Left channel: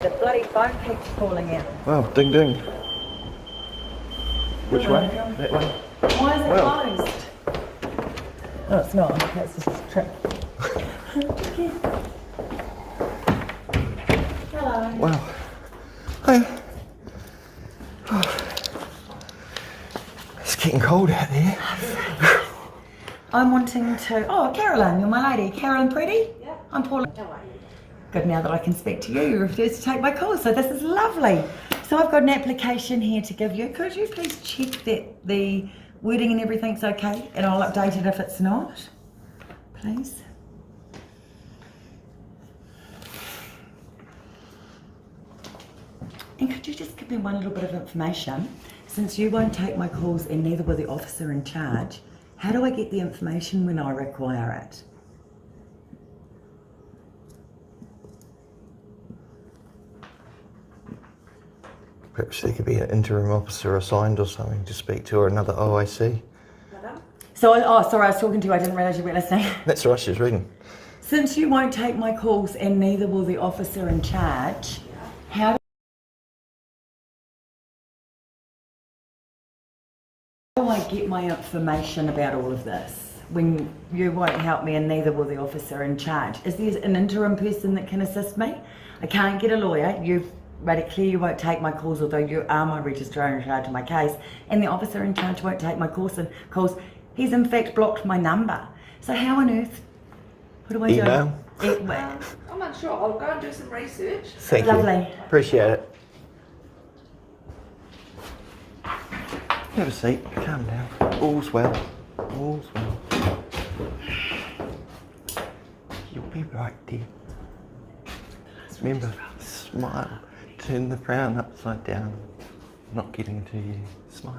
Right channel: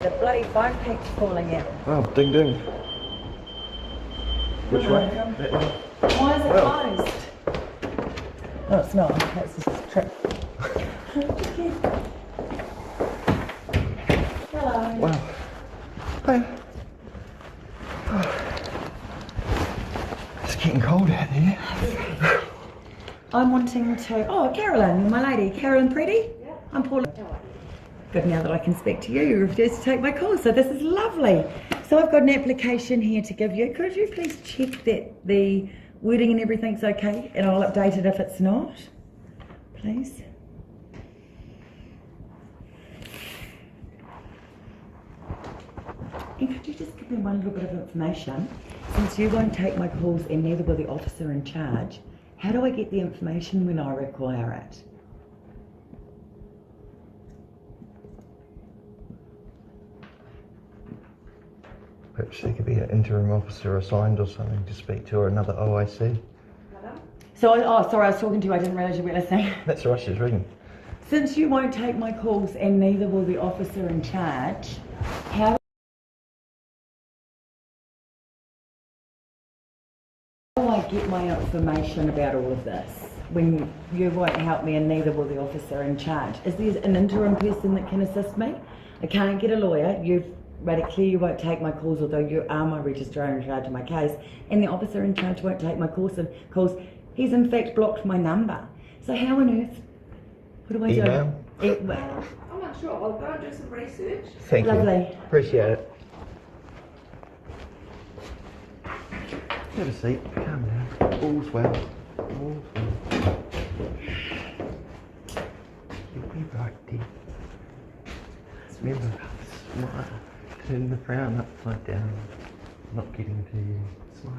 The bloody phone keeps falling out. Oh, ding ding. Which way? That way. Why is it closed? Oh, it's not. That's just a trip. Hello. Well, hey. It's getting cold out there. I'm wanting to... Oh, Carolyn, you're my lady. Carolyn Pretty? Yeah. I'm Paula. How are you? Good, now that I can speak to you, you refuse to take my call, so this is lovely. So I've got an application here to give you. Could you please check that the wording and everything's okay? And I'll update it if it's not, please. And could you just give me one little bit of information? Since you won't take my calls and neither will the officer in charge, how do I get the information when I require it? Perhaps there could be an interim officer assigned or something to speak to, or another OIC. So, sorry, I was talking to you, I didn't realise you weren't listening. That's right, she was reading. Since you won't take my calls and neither will the officer in charge, how do I get my information about all of this when you won't help me and neither will the officer in charge? Is there an interim person that can assist me? I can't get a lawyer. You've made it clear you won't take my calls, although you are my registrar in charge of my case, and the officer in charge won't take my calls. He's in fact blocked my number. So how on earth? What do I do? I'm not sure. I'll go and do some research. Thank Lovely. you. Appreciate it. Have a seat. Calm down. All's well. All's well. You'll be right, dear. Remember, smile. Turn the frown upside down. Not getting to you. Smile.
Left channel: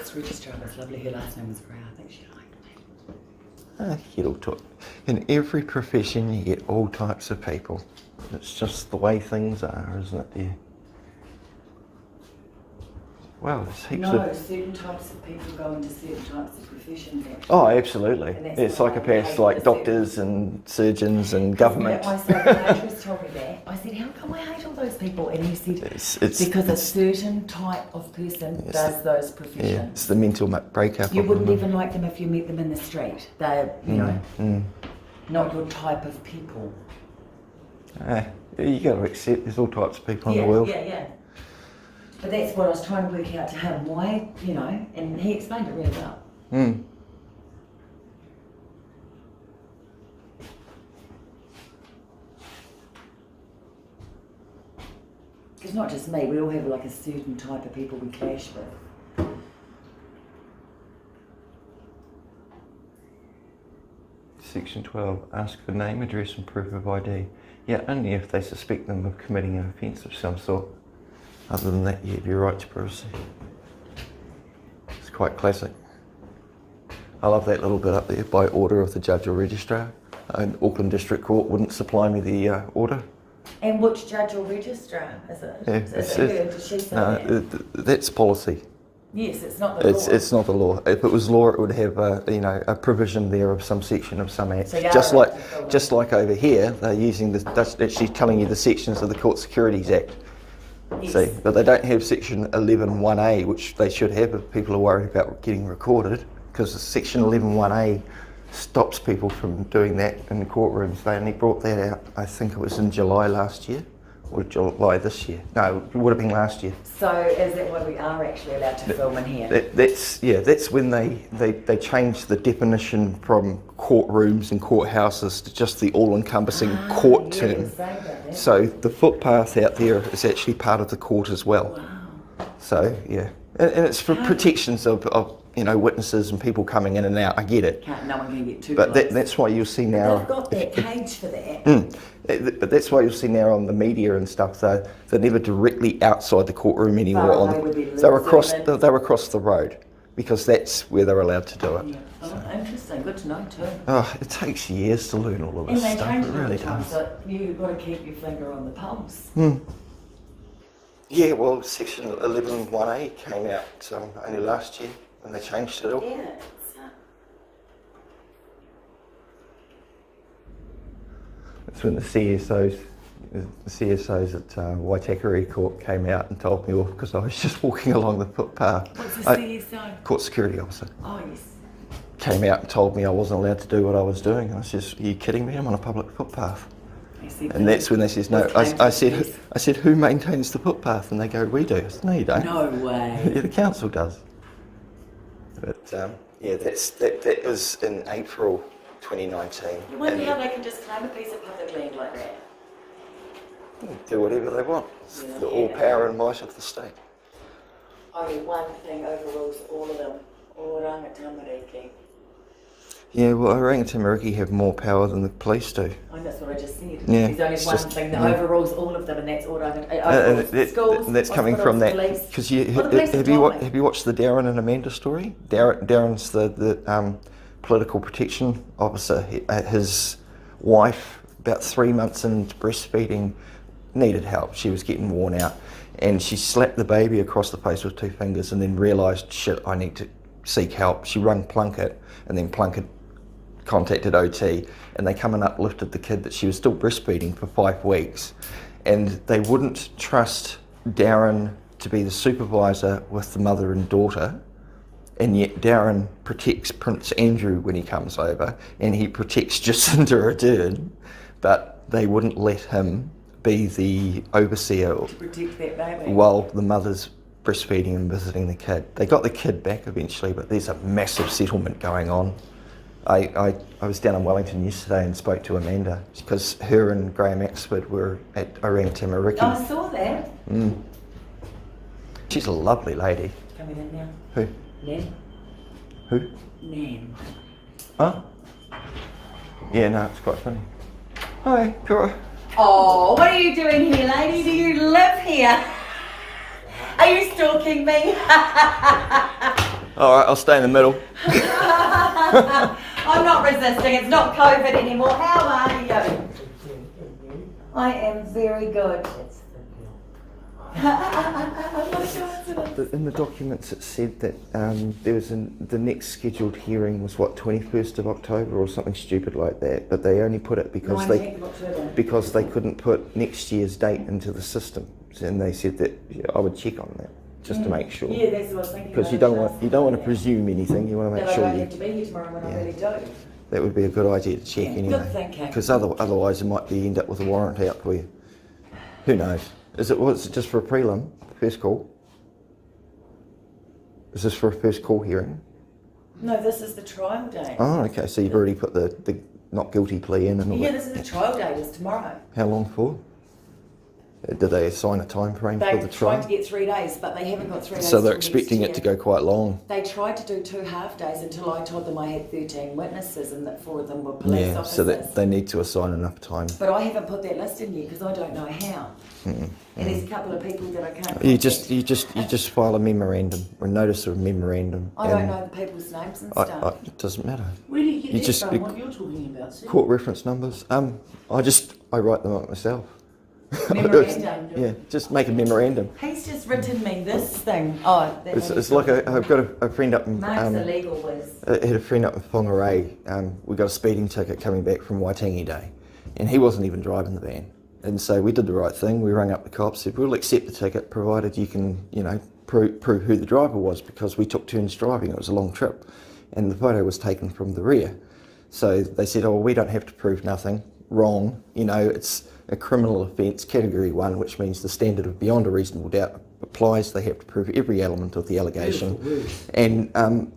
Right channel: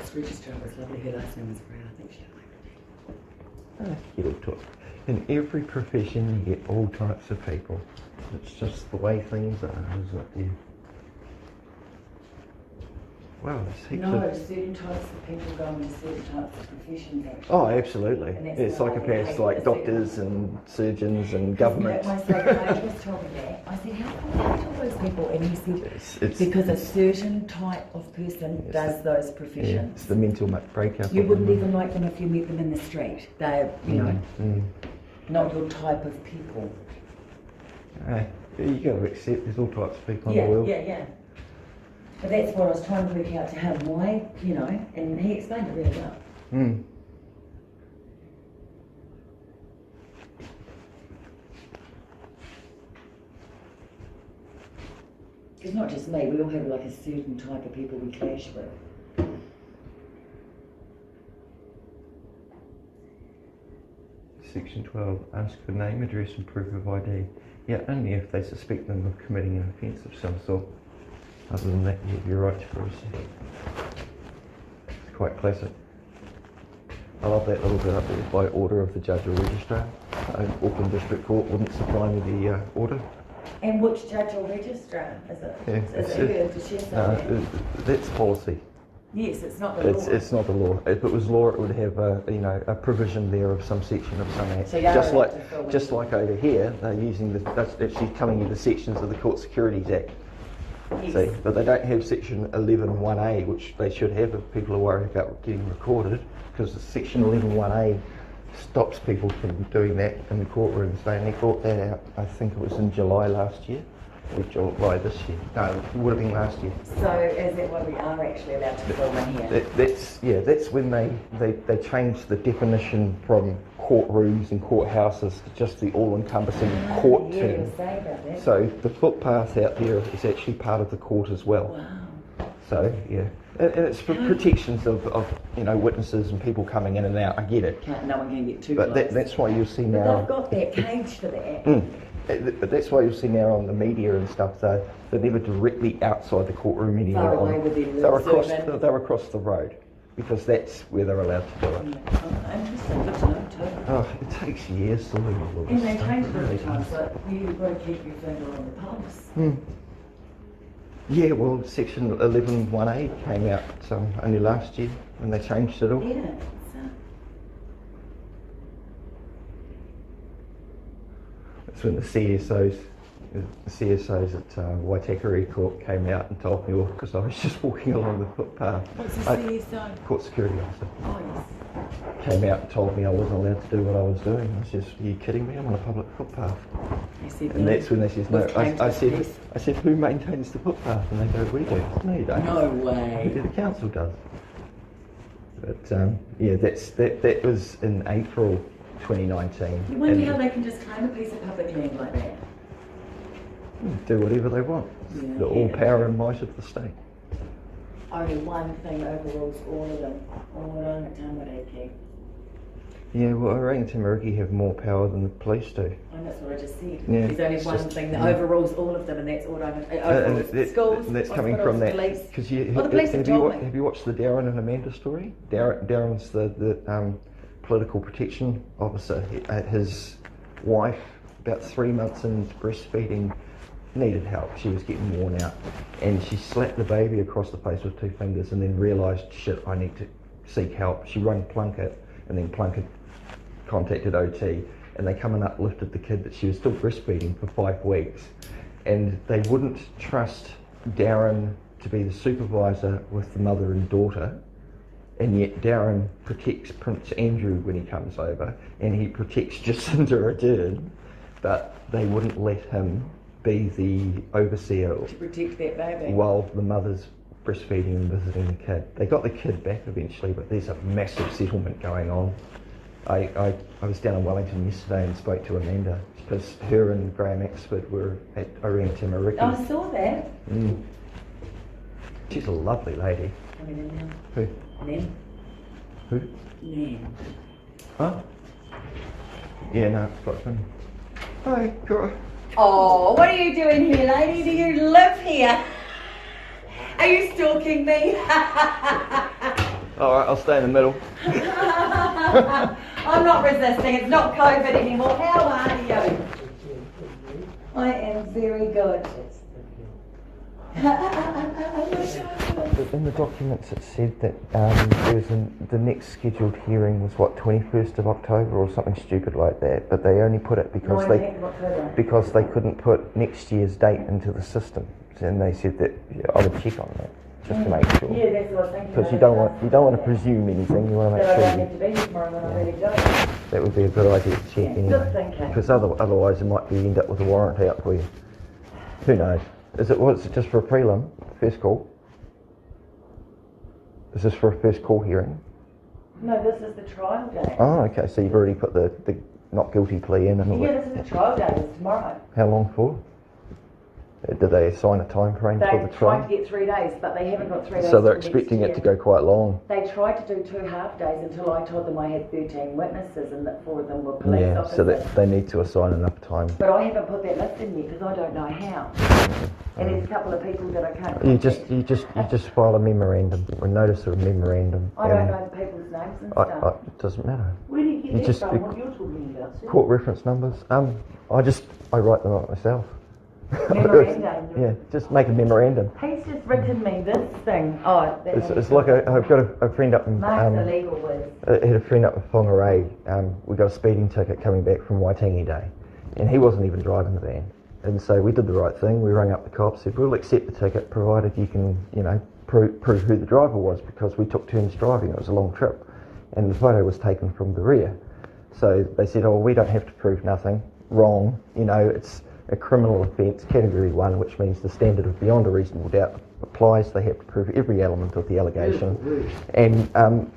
This registrar was lovely. Her last name was Brown. I think she liked me. You get all in every profession, you get all types of people. It's just the way things are, isn't it, dear? Well, there's heaps of... certain types of people go into certain types of professions, actually. Oh, absolutely. It's psychopaths like doctors and surgeons and government. My psychiatrist told me that. I said, how come I hate all those people? And he said, because a certain type of person does those professions. Yeah, it's the mental breakup. You wouldn't even like them if you met them in the street. They're, not your type of people. You got to accept there's all types of people in the world. Yeah. But that's what I was trying to work out to him, why, and he explained it really well. It's not just me, we all have like a certain type of people we clash with. Section 12, ask for name, address and proof of ID. Yeah, only if they suspect them of committing an offence of some sort. Other than that, you have your right to privacy. It's quite classic. I love that little bit up there, by order of the judge or registrar. Auckland District Court wouldn't supply me the order. And which judge or registrar is it? Yeah, is it her? Did she say that? That's policy. Yes, it's not the law. It's not the law. If it was law, it would have a provision there of some section of some act. So just like over here, they're using she's telling you the sections of the Court Securities Act. Yes. See, but they don't have section 11.1a, which they should have if people are worried about getting recorded, because section 11.1a stops people from doing that in the courtrooms. They only brought that out, I think it was in July last year, or July this year. No, it would have been last year. So is that why we are actually allowed to film in here? That's when they changed the definition from courtrooms and courthouses to just the all-encompassing court term. So the footpath out there is actually part of the court as well. Wow. So yeah, and it's for protections of witnesses and people coming in and out. I get it. No one can get too But close. that's why you'll see now. But they've got that cage for that. But that's why you'll see now on the media and stuff, they're never directly outside the courtroom anymore. Far away with their They're lips, they're across the road because that's where they're allowed to do it. Yeah. Oh, interesting. Good to know too. Oh, it takes years to learn all of And this they stuff. change It it all really the time, does. so you've got to keep your finger on the pulse. Yeah, well, Section 11(1)A came out only last year when they changed it all. Yeah. That's when the CSOs at Waitakere Court came out and told me off because I was just walking along the footpath. What's the CSO? Court security officer. Oh, yes. Came out and told me I wasn't allowed to do what I was doing. I was just, are you kidding me? I'm on a public footpath. And that's when they says no. I said, who maintains the footpath? And they go, we do. No, you don't. No way. Yeah, the council does. But yeah, that was in April 2019. You wonder And how they can just claim a piece of public land like that. do whatever they want. It's Yeah. the all power and might of the state. Only one thing overrules all of them. Oranga Tamariki. Yeah, well, Orangutan Tamariki have more power than the police do. Oh, that's what I just said. Yeah, There's only it's one just- thing that yeah. overrules all of them, and that's Oranga. And that's coming from that police. because Well, the police have have told me. you watched the Darren and Amanda story? Darren's the political protection officer. His wife, about 3 months into breastfeeding, needed help. She was getting worn out, and she slapped the baby across the face with 2 fingers, and then realised, shit, I need to seek help. She rang Plunkett, and then Plunkett contacted OT, and they come and uplifted the kid that she was still breastfeeding for 5 weeks, and they wouldn't trust Darren to be the supervisor with the mother and daughter, and yet Darren protects Prince Andrew when he comes over, and he protects Jacinda Ardern, but they wouldn't let him be the overseer To protect that baby. while the mother's breastfeeding and visiting the kid. They got the kid back eventually, but there's a massive settlement going on. I was down in Wellington yesterday and spoke to Amanda because her and Graham Axford were at Orangutan Tamariki. I saw that. She's a lovely lady. Coming in now. Who? Nan. Who? Nan. Huh? Yeah, no, it's quite funny. Hi, Cora. Oh, what are you doing here, lady? Do you live here? Are you stalking me? All right, I'll stay in the middle. I'm not resisting. It's not COVID anymore. How are you? I am very good. In the documents it said that the next scheduled hearing was 21st of October or something stupid like that, but they only put it because 19th of October. because they couldn't put next year's date into the system, and they said that I would check on that just to make sure. Yeah, that's what I was thinking. Because you don't want to presume anything. You want to That make I sure don't have to be here tomorrow when I really don't. that would be a good idea to check Yeah, anyway. good thinking. Because otherwise it might be end up with a warrant out for you. Who knows? Was it just for a prelim, first call? Is this for a first call hearing? No, this is the trial day. Oh, okay. So you've already put the not guilty plea in and all Yeah, that. this is the trial day. It's tomorrow. How long for? Did they assign a time frame for the They've tried to trial? get 3 days, but they haven't got 3 days. So they're till next expecting it to year. go quite long. They tried to do 2 half days until I told them I had 13 witnesses and that 4 of them were police Yeah. officers. So that they need to assign enough time. But I haven't put that list in yet because I don't know how. And there's a couple of people that I can't. You contact. just file a memorandum or a notice of a memorandum. I don't and know the people's names and stuff. it doesn't matter. Where do you get You that just- from? What you're talking about, Sue? Court reference numbers. I write them up myself. Memorandum. Yeah, just make a memorandum. He's just written me this thing. Oh, that It's like I've got a friend up in Mark's a legal whiz. I had a friend up in Whangarei. We got a speeding ticket coming back from Waitangi Day, and he wasn't even driving the van. And so we did the right thing. We rang up the cops, said we'll accept the ticket provided you can, prove who the driver was, because we took turns driving. It was a long trip, and the photo was taken from the rear. So they said, oh, we don't have to prove nothing. Wrong. It's a criminal offence, category 1, which means the standard of beyond a reasonable doubt applies. They have to prove every element of the allegation. And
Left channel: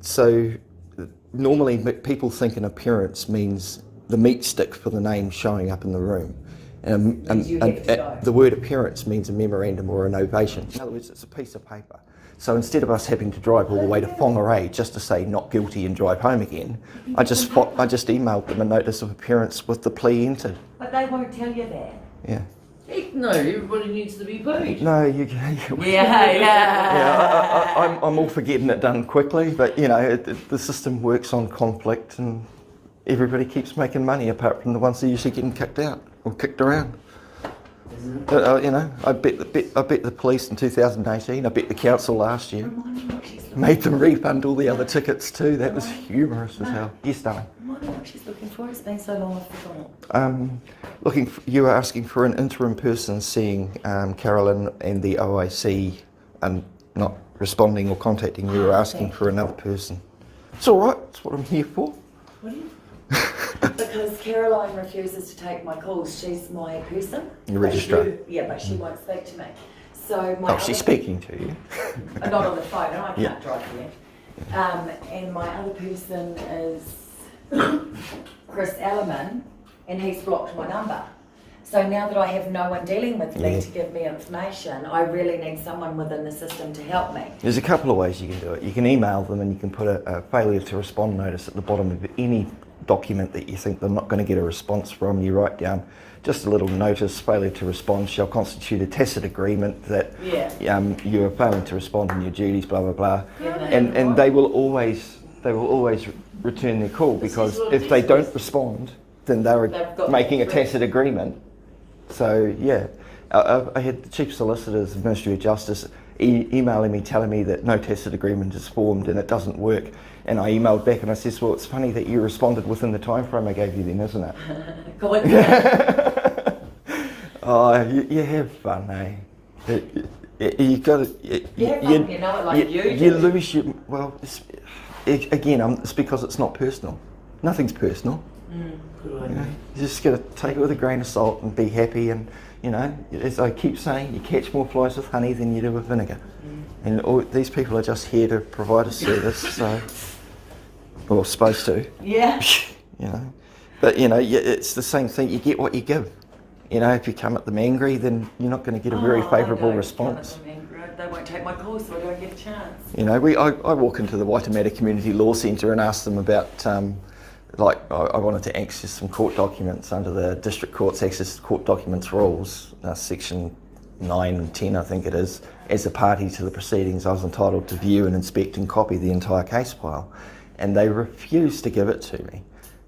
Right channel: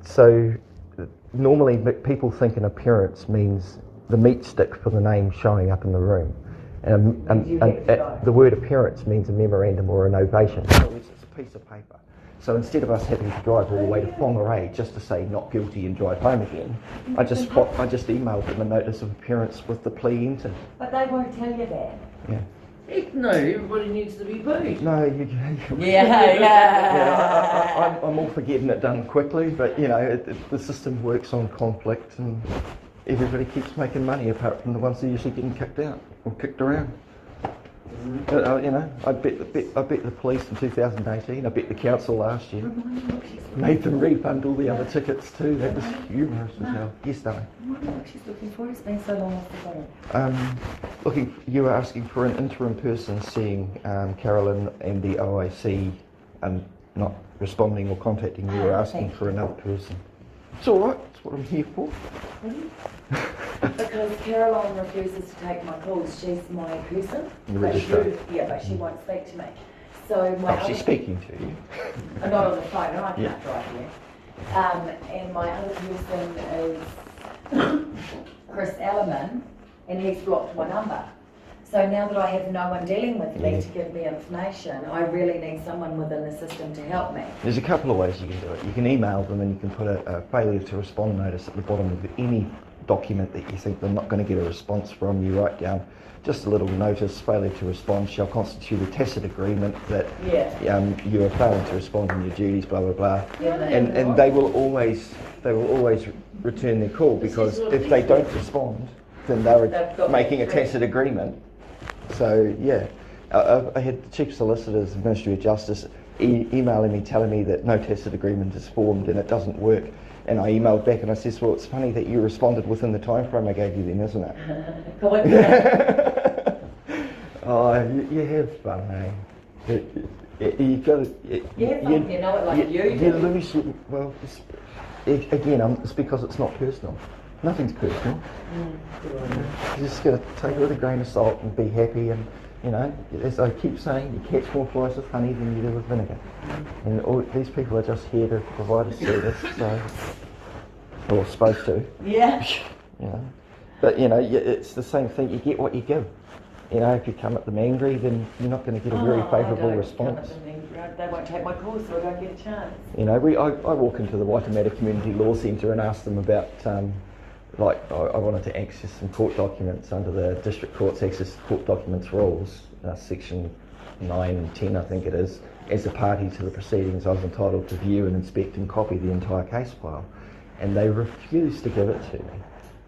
so normally people think an appearance means the meat stick for the name showing up in the room. You have to show. The word appearance means a memorandum or an ovation. It's a piece of paper. So instead of us having to drive all the way to Whangarei just to say not guilty and drive home again, I just emailed them a notice of appearance with the plea entered. But they won't tell you that. Yeah. Heck no, everybody needs to be paid. No, Yeah. I'm all for getting it done quickly, but you know, the system works on conflict, and everybody keeps making money apart from the ones that are usually getting kicked out or kicked around. You know, I bet the police in 2018, I bet the council last year made them refund all the other tickets too. That was humorous as hell. Yes, darling. I wonder what she's looking for. It's been so long I've forgotten. You were asking for an interim person seeing Carolyn and the OIC and not responding or contacting you. You were asking for another person. It's all right. That's what I'm here for. Because Caroline refuses to take my calls. She's my person. Your registrar. But she won't speak to me. So my She's speaking to you. not on the phone, and I can't Yeah. drive you. And my other person is Chris Ellerman, and he's blocked my number. So now that I have no one dealing with me to give me information, I really need someone within the system to help me. There's a couple of ways you can do it. You can email them and you can put a failure to respond notice at the bottom of any document that you think they're not going to get a response from. You write down just a little notice: failure to respond shall constitute a tacit agreement that you are failing to respond in your duties, blah blah blah. And they will always return their call, because if they don't respond, then they're making a tacit agreement. So yeah, I had the Chief Solicitor's Ministry of Justice emailing me telling me that no tacit agreement is formed and it doesn't work. And I emailed back and I said, well, it's funny that you responded within the time frame I gave you then, isn't it? Oh, you have fun, eh? You got to. You have fun, you know it like you do. You lose your. Well, it's because it's not personal. Nothing's personal. You just got to take it with a grain of salt and be happy. And you know, as I keep saying, you catch more flies with honey than you do with vinegar. And all these people are just here to provide a service, so, or supposed to. Yeah. You know, but you know, it's the same thing. You get what you give. You know, if you come at them angry, then you're not going to get a very favourable response. They won't take my call, so I don't get a chance. You know, I walk into the Waitemata Community Law Centre and ask them about, I wanted to access some court documents under the District Court's Access to Court Documents rules, section 9 and 10 I think it is. As a party to the proceedings, I was entitled to view and inspect and copy the entire case file, and they refused to give it to me.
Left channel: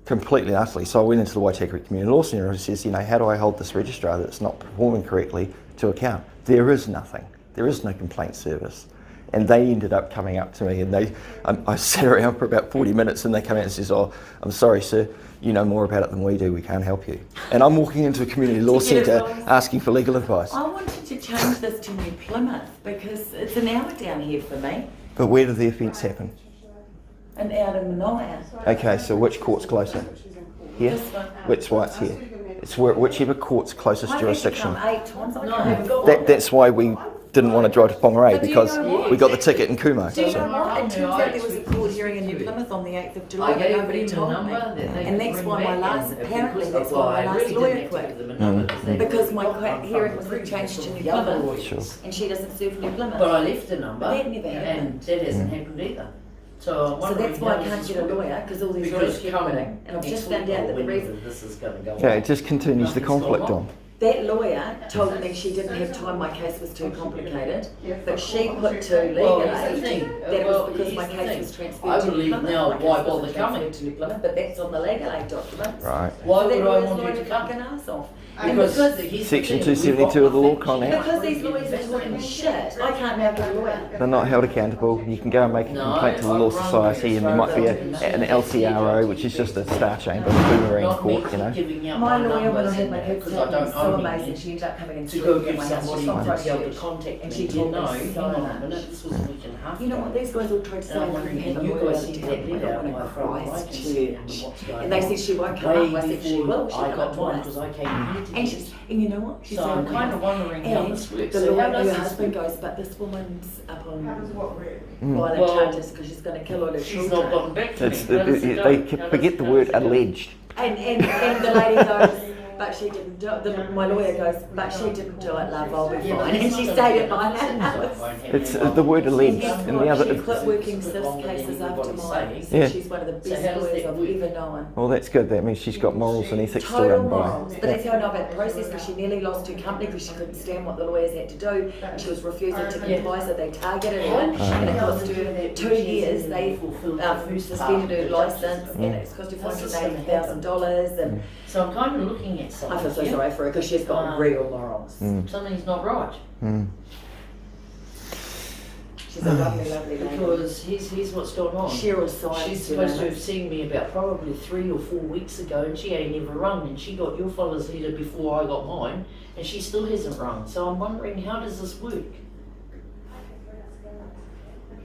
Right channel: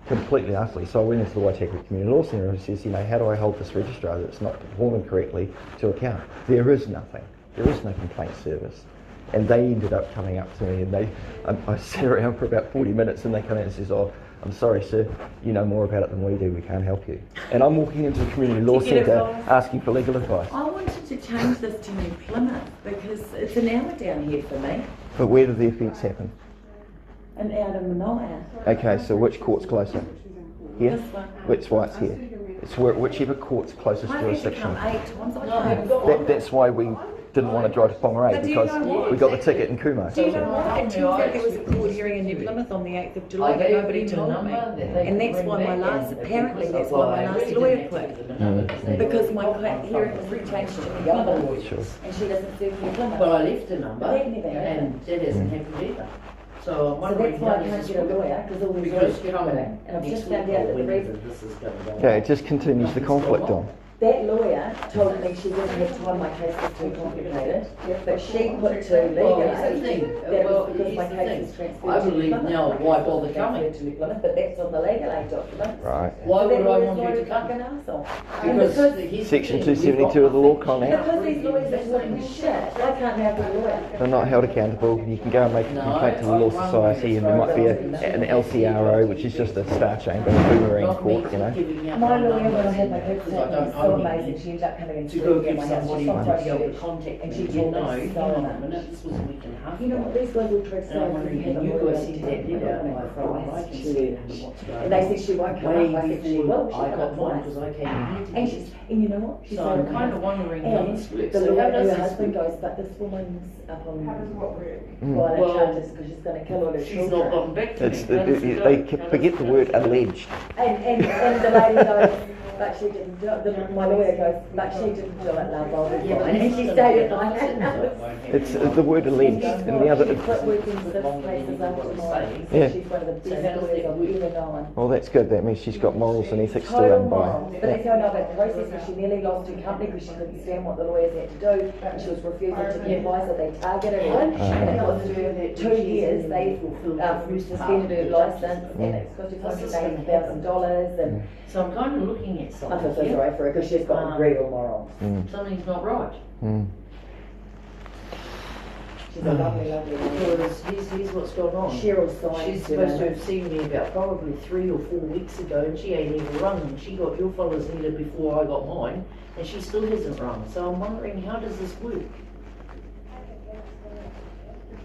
Completely and utterly. So I went into the Waitakere Community Law Centre and says, you know, how do I hold this registrar that's not performing correctly to account? There is nothing. There is no complaint service. And they ended up coming up to me, and I sat around for about 40 minutes, and they come out and says, oh, I'm sorry, sir, you know more about it than we do, we can't help you. And I'm walking into a community law centre asking for legal advice. I wanted to change this to New Plymouth, because it's an hour down here for me, But where did the offence happen? and out in Manoa. Okay, so which court's closer? Here? This one. Which why's here? It's whichever court's closest I've had to jurisdiction. come 8 times, I can't. That's why we didn't want to drive to Whangarei, But do you because know what? we got the ticket in Kumo. Do you So- know what? It turns out there was a court hearing in New Plymouth on the 8th of July, but nobody told me. And that's why my last, apparently that's why my last lawyer quit. Because my hearing was changed to New Plymouth, Sure. and she doesn't serve New But Plymouth. I left the number, That never happened. and that hasn't happened either. So So that's why I can't get a lawyer, because all these lawyers keep quitting. And I've just found out that the reason, this is going to go. Yeah, it just continues the conflict on. that lawyer told me she didn't have time, my case was too complicated, but she put to legal aid that it was because my case was transferred to New believe Plymouth. now My case why wasn't bother coming? transferred to New Plymouth, but that's on the legal aid documents. Right. Why So would that I lawyer's want not you a to come? fucking arsehole. And Because because here's the Section thing, we've 272 of the law got con out. Because these lawyers are talking shit, I can't now get a lawyer. They're not held accountable. You can go and make a complaint to the Law Society, and there might be an LCRO, which is just a star chamber, a boomerang Not me court, you know. giving out My my lawyer, when I numbers had my cooks because I out, was don't so own amazing, anything. she ended up coming and To go sleeping in give my house, somebody she's from to be able to Christchurch. contact And me, she you told know, me so hang on a much. minute, this was a week and a half You know ago. what, these guys all tried to say And I I'm couldn't wondering, have a can you lawyer guys to see help that me, I letter went by across vacancy and church. what's going And they on? said she won't come Way up, I said she before will, she I come got up one twice. because I came here to And get she's, and you know what? She So said, I'm "Okay." kind of wondering how And this works. the So how lawyer, does her this husband work? goes, but this woman's up on Mm. violent Well, charges because she's going to kill all her She's not children. gotten back to me. It's, How does it go? they How forget does- the how word does it go? alleged. And the lady goes, but she didn't do it. My lawyer goes, but she didn't do it, love, I'll be fine. And she stayed at my house. It's the word alleged, and the other. She quit working 6 cases after mine. So Yeah. she's one of the best lawyers I've ever known. Well, that's good. That means she's got morals and ethics to Total run by. morals. But that's how I know about the process, because she nearly lost her company because she couldn't stand what the lawyers had to do. And she was refusing to comply, so they targeted her. And it cost her 2 years. They suspended her licence, and it's cost her $480,000. And So I'm kind of looking at I something. feel so sorry for her because she's got real morals. Something's not right. She's a lovely, lovely lady. Because here's what's going on. Cheryl Symes. She's supposed to have seen me about probably 3 or 4 weeks ago, and she ain't even rung, and she got your fella's letter before I got mine, and she still hasn't rung. So I'm wondering, how does this work?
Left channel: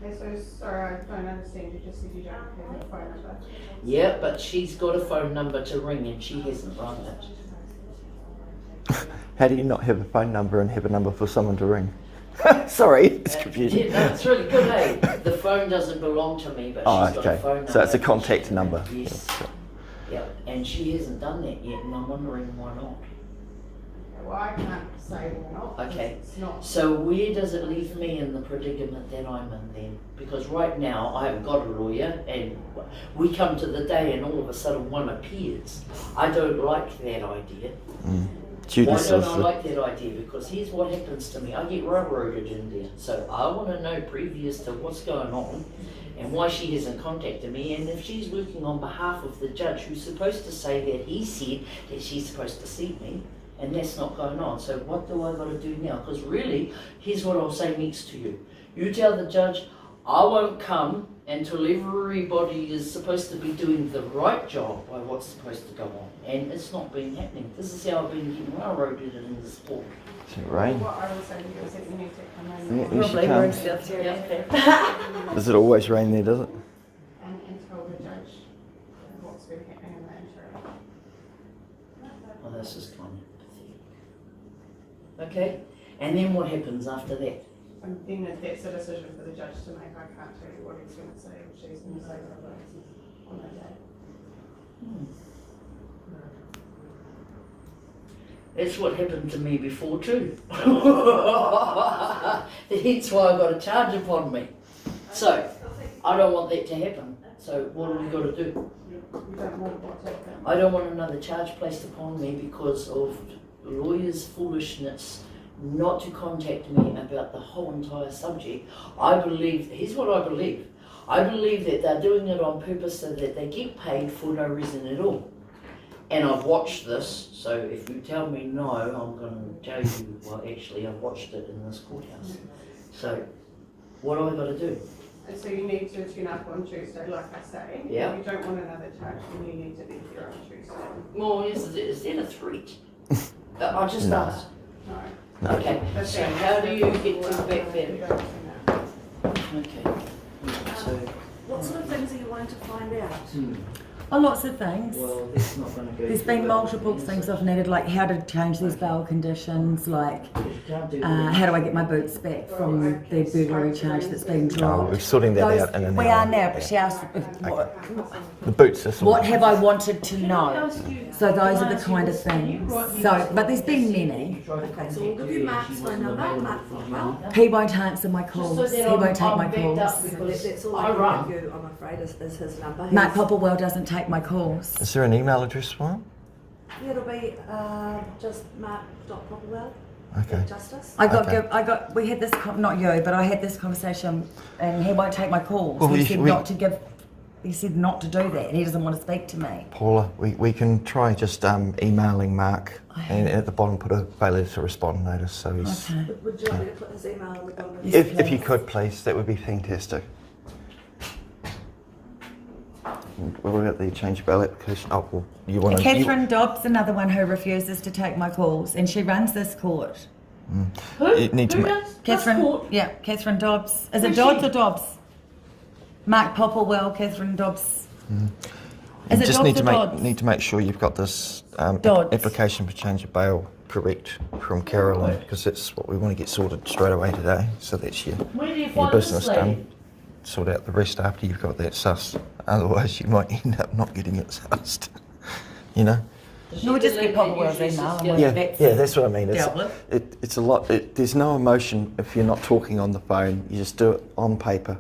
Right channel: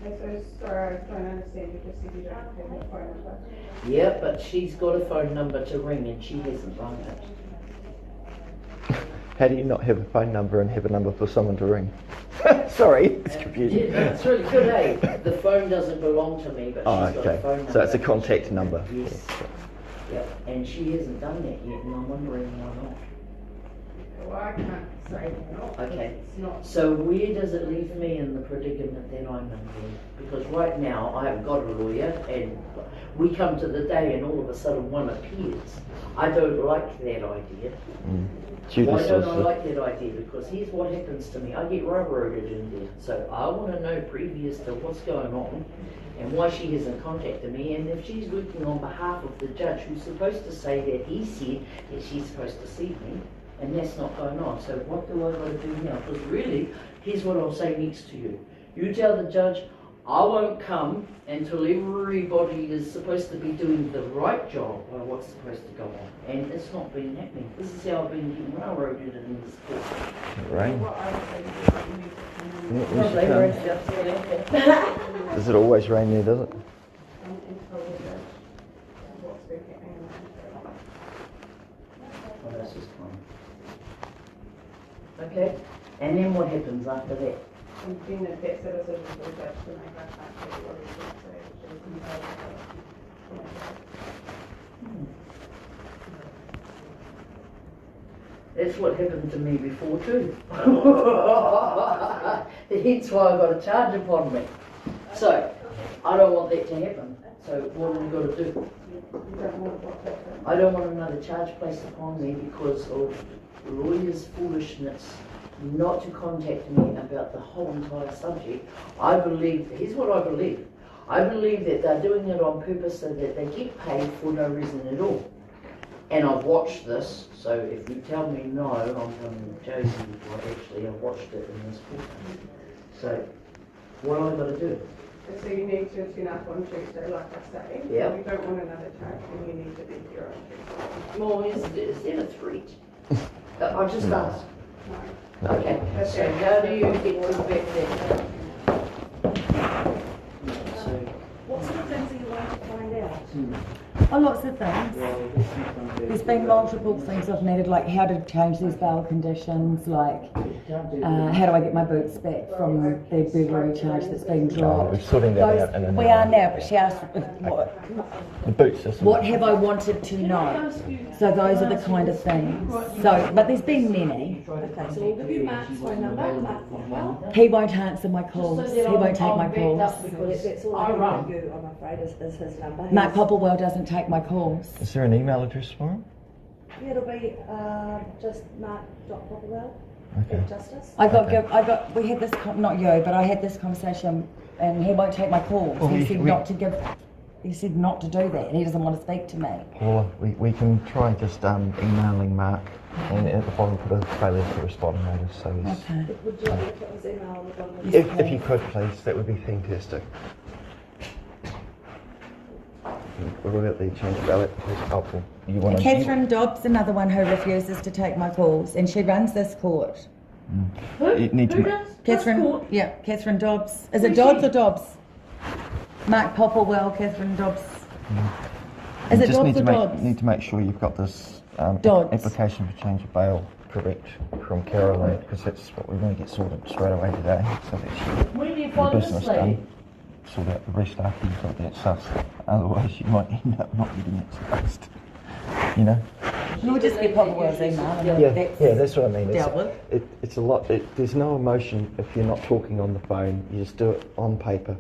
Okay, so sorry, I don't understand. You just said you don't have a phone number. Yeah, but she's got a phone number to ring, and she hasn't rung it. How do you not have a phone number and have a number for someone to ring? Sorry, it's confusing. Yeah, no, it's really good, eh? The phone doesn't belong to me, but Oh, she's got a okay. phone number. So it's a contact number. Yes. Yeah, and she hasn't done that yet, and I'm wondering why not. Well, I can't say not. Okay. It's not. So where does it leave me in the predicament that I'm in then? Because right now I haven't got a lawyer, and we come to the day and all of a sudden one appears. I don't like that idea. Why don't I like that idea? Because here's what happens to me. I get railroaded in there. So I want to know previous to what's going on and why she hasn't contacted me, and if she's working on behalf of the judge who's supposed to say that he said that she's supposed to see me, and that's not going on. So what do I got to do now? Because really, here's what I'll say next to you. You tell the judge, I won't come until everybody is supposed to be doing the right job by what's supposed to go on. And it's not been happening. This is how I've been getting railroaded in this court. Rain. What I would say is that you need to come on Probably we're in South Australia. Does it always rain there, does it? and tell the judge what's been happening in the country. Well, that's just fine. Okay, and then what happens after that? And then if that's a decision for the judge to make, I can't tell you what he's going to say, or she's going to say That's what happened to me before too. Hence why I got a charge upon me. So, I don't want that to happen. So what have we got to do? You don't want what to happen. I don't want another charge placed upon me because of lawyers' foolishness not to contact me about the whole entire subject. I believe, here's what I believe. I believe that they're doing it on purpose so that they get paid for no reason at all. And I've watched this, so if you tell me no, I'm going to tell you, well, actually, I've watched it in this courthouse. So, what do I got to do? And so you need to turn up on Tuesday, like I say. Yeah. You don't want another charge, then you need to be here on Tuesday. Well, is that a threat? I just asked. No. Okay, so how do you get to back then? So, What sort of things are you wanting to find out? Oh, lots of things. well, that's not going to be. There's been multiple things I've needed, like how to change these bail conditions, like how do I get my boots back from the burglary charge that's been dropped. We're sorting that Those- out in an we hour. are now, but she asked The boots system. what have I wanted to know. So those are the kind of things. So, but there's been many. Okay, so we'll give you Mark's phone number, Mark Popwell. He won't answer my calls. He won't take my calls. That's all I can give you, I'm afraid, is his number. Mark Popplewell doesn't take my calls. Is there an email address for him? It'll be just mark.popwell Okay. at Justice. We had this, not you, but I had this conversation and he won't take my calls. Well, He he- said we- he said not to do that. He doesn't want to speak to me. Paula, we can try just emailing Mark and at the bottom put a failure to respond notice so he's... Okay. Would you like me to put his email on the bottom of his If you could please, that would be fantastic. What about the change of bail application? Oh, well, you want to... Catherine Dobbs, another one who refuses to take my calls, and she runs this court. Who? You need to Who ma- does? Catherine, Court? yeah, Catherine Dobbs. Is Who's it Dobbs she? or Dobbs? Mark Popplewell, Catherine Dobbs. Is You it just Dobbs need or to make Dodds? need to make sure you've got this Dodds. application for change of bail correct from Caroline because that's what we want to get sorted straight away today so that Where do you your find this business lady? done. Sort out the rest after you've got that sussed. Otherwise you might end up not getting it sussed. You know? We'll just get Papa Wells' email. Yeah, that's what I mean. Dealt with. It's a lot. There's no emotion if you're not talking on the phone. You just do it on paper,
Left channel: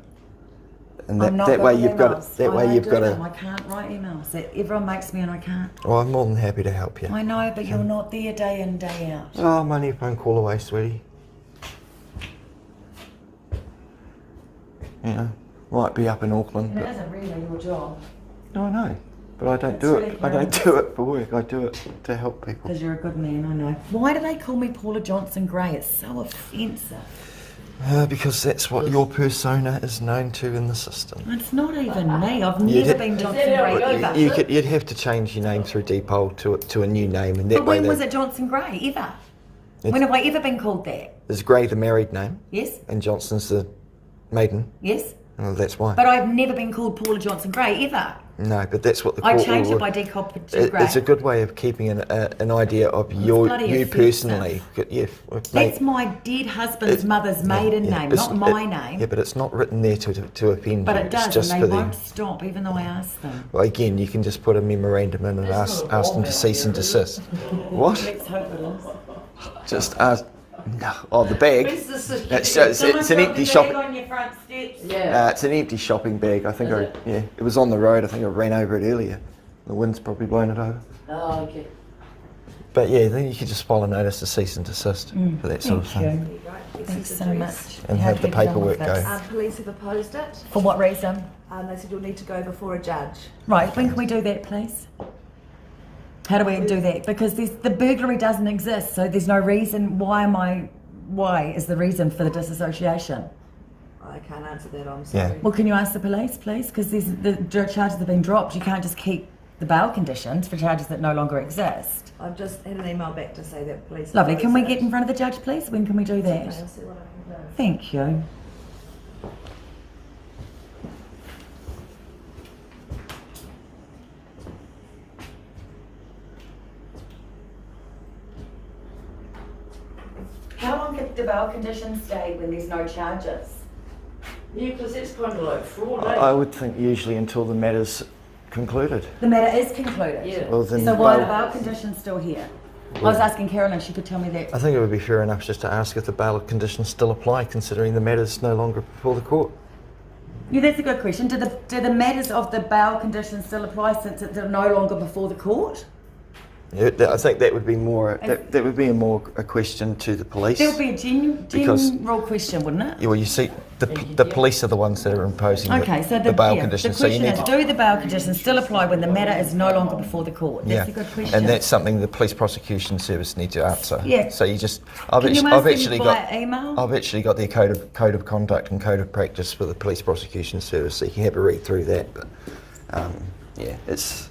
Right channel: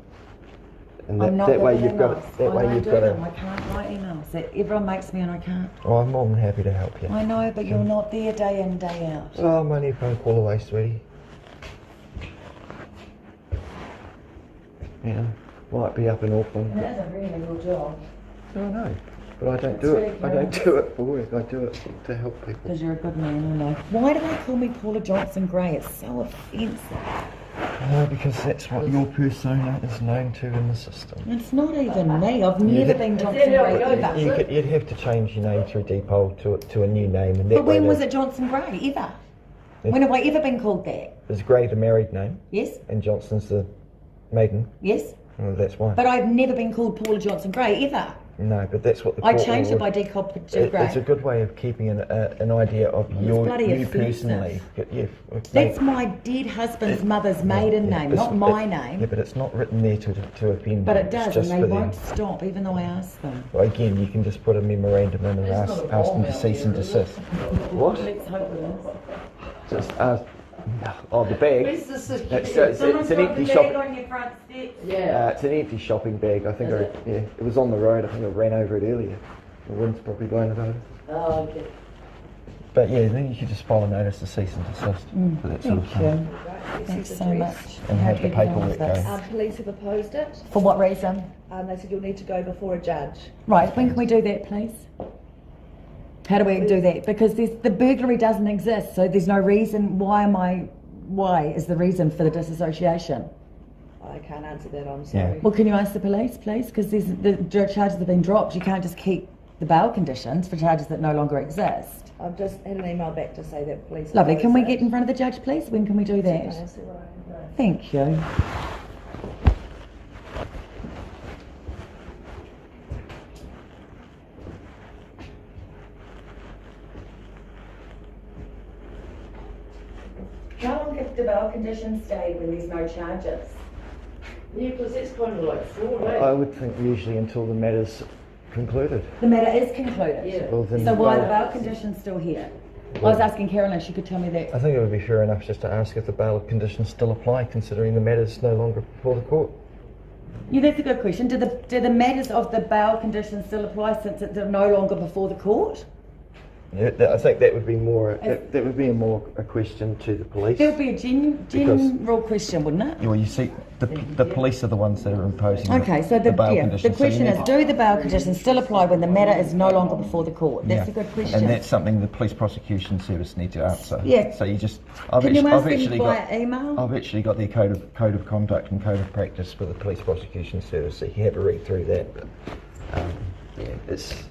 and I'm not that good way with you've got emails. it. That I way don't you've do got them. I to. can't write emails. Everyone makes me and I can't. Oh, I'm more than happy to help you. I know, but you're not there day in, day out. Oh, I'm only a phone call away, sweetie. You know, might be up in Auckland. And it But, isn't really your job. no, I know. But I don't It's do really it. I don't fair. do it for work. I do it to help people. Because you're a good man, I know. Why do they call me Paula Johnson Gray? It's so offensive. Because that's what your persona is known to in the system. It's not even me. I've You'd never ha- been Is Johnson that how Gray it goes? ever. You'd have to change your name through Depol to a new name, and that But way when was it Johnson Gray? Ever? It's- When have I ever been called that? Is Gray the married name Yes? and Johnson's the maiden? Yes? Well, that's why. But I've never been called Paula Johnson Gray ever. No, but that's what the I court changed it will- by deculp to Gray. It's a good way of keeping an idea of bloody you offensive. personally. Yeah, That's my dead husband's It's- mother's maiden yeah, name, it's- not my it- name. Yeah, but it's not written there to offend But you. it It's does, just and for they them. won't stop, even though I ask them. Well, again, you can just put a memorandum in and It's ask not a them ball to cease and down desist. What? Let's hope it is. Just ask. Oh, the bag. Where's the system? It's an empty shopping. on your front steps. Yeah. It's an empty shopping bag. I think Is it was on the road. I think I ran over it earlier. The wind's probably blown it over. Oh, okay. But yeah, then you could just file a notice to cease and desist for that sort of Thank thing. you. Thanks so much. And How have the do you get on with paperwork this? go. Police have opposed it, For what reason? and they said you'll need to go before a judge. Right, when can we do that, please? How do we do that? Because the burglary doesn't exist, so there's no reason. Why is the reason for the disassociation? I can't answer that, I'm sorry. Well, can you ask the police, please? Because the charges have been dropped. You can't just keep the bail conditions for charges that no longer exist. I've just had an email back to say that police. Lovely. Can we opposed get in front of the judge, please? When can we do it. that? Okay, I'll see what I can do. Thank you. How long can the bail conditions stay when there's no charges? Yeah, because that's kind of like fraud, eh? I would think usually until the matter's concluded. The matter is concluded. Yeah. Well, then, So why are the bail conditions still here? I was asking Carolyn, she could tell me that. I think it would be fair enough just to ask if the bail conditions still apply, considering the matter's no longer before the court. Yeah, that's a good question. Do the matters of the bail conditions still apply since they're no longer before the court? Yeah, I think that would be more. That would be a question to the police. That would be a Because- general question, wouldn't it? Yeah, well, you see, the police are the ones that are imposing Okay, so the bail the conditions. So you question need is, to- do the bail conditions still apply when the matter is no longer before the court? That's a good question. And that's something the police prosecution service need to answer. Yeah. So you just, I've Can you ask them actually via got, email? I've actually got their code of conduct and code of practice for the police prosecution service, so you can have a read through that. But yeah, it's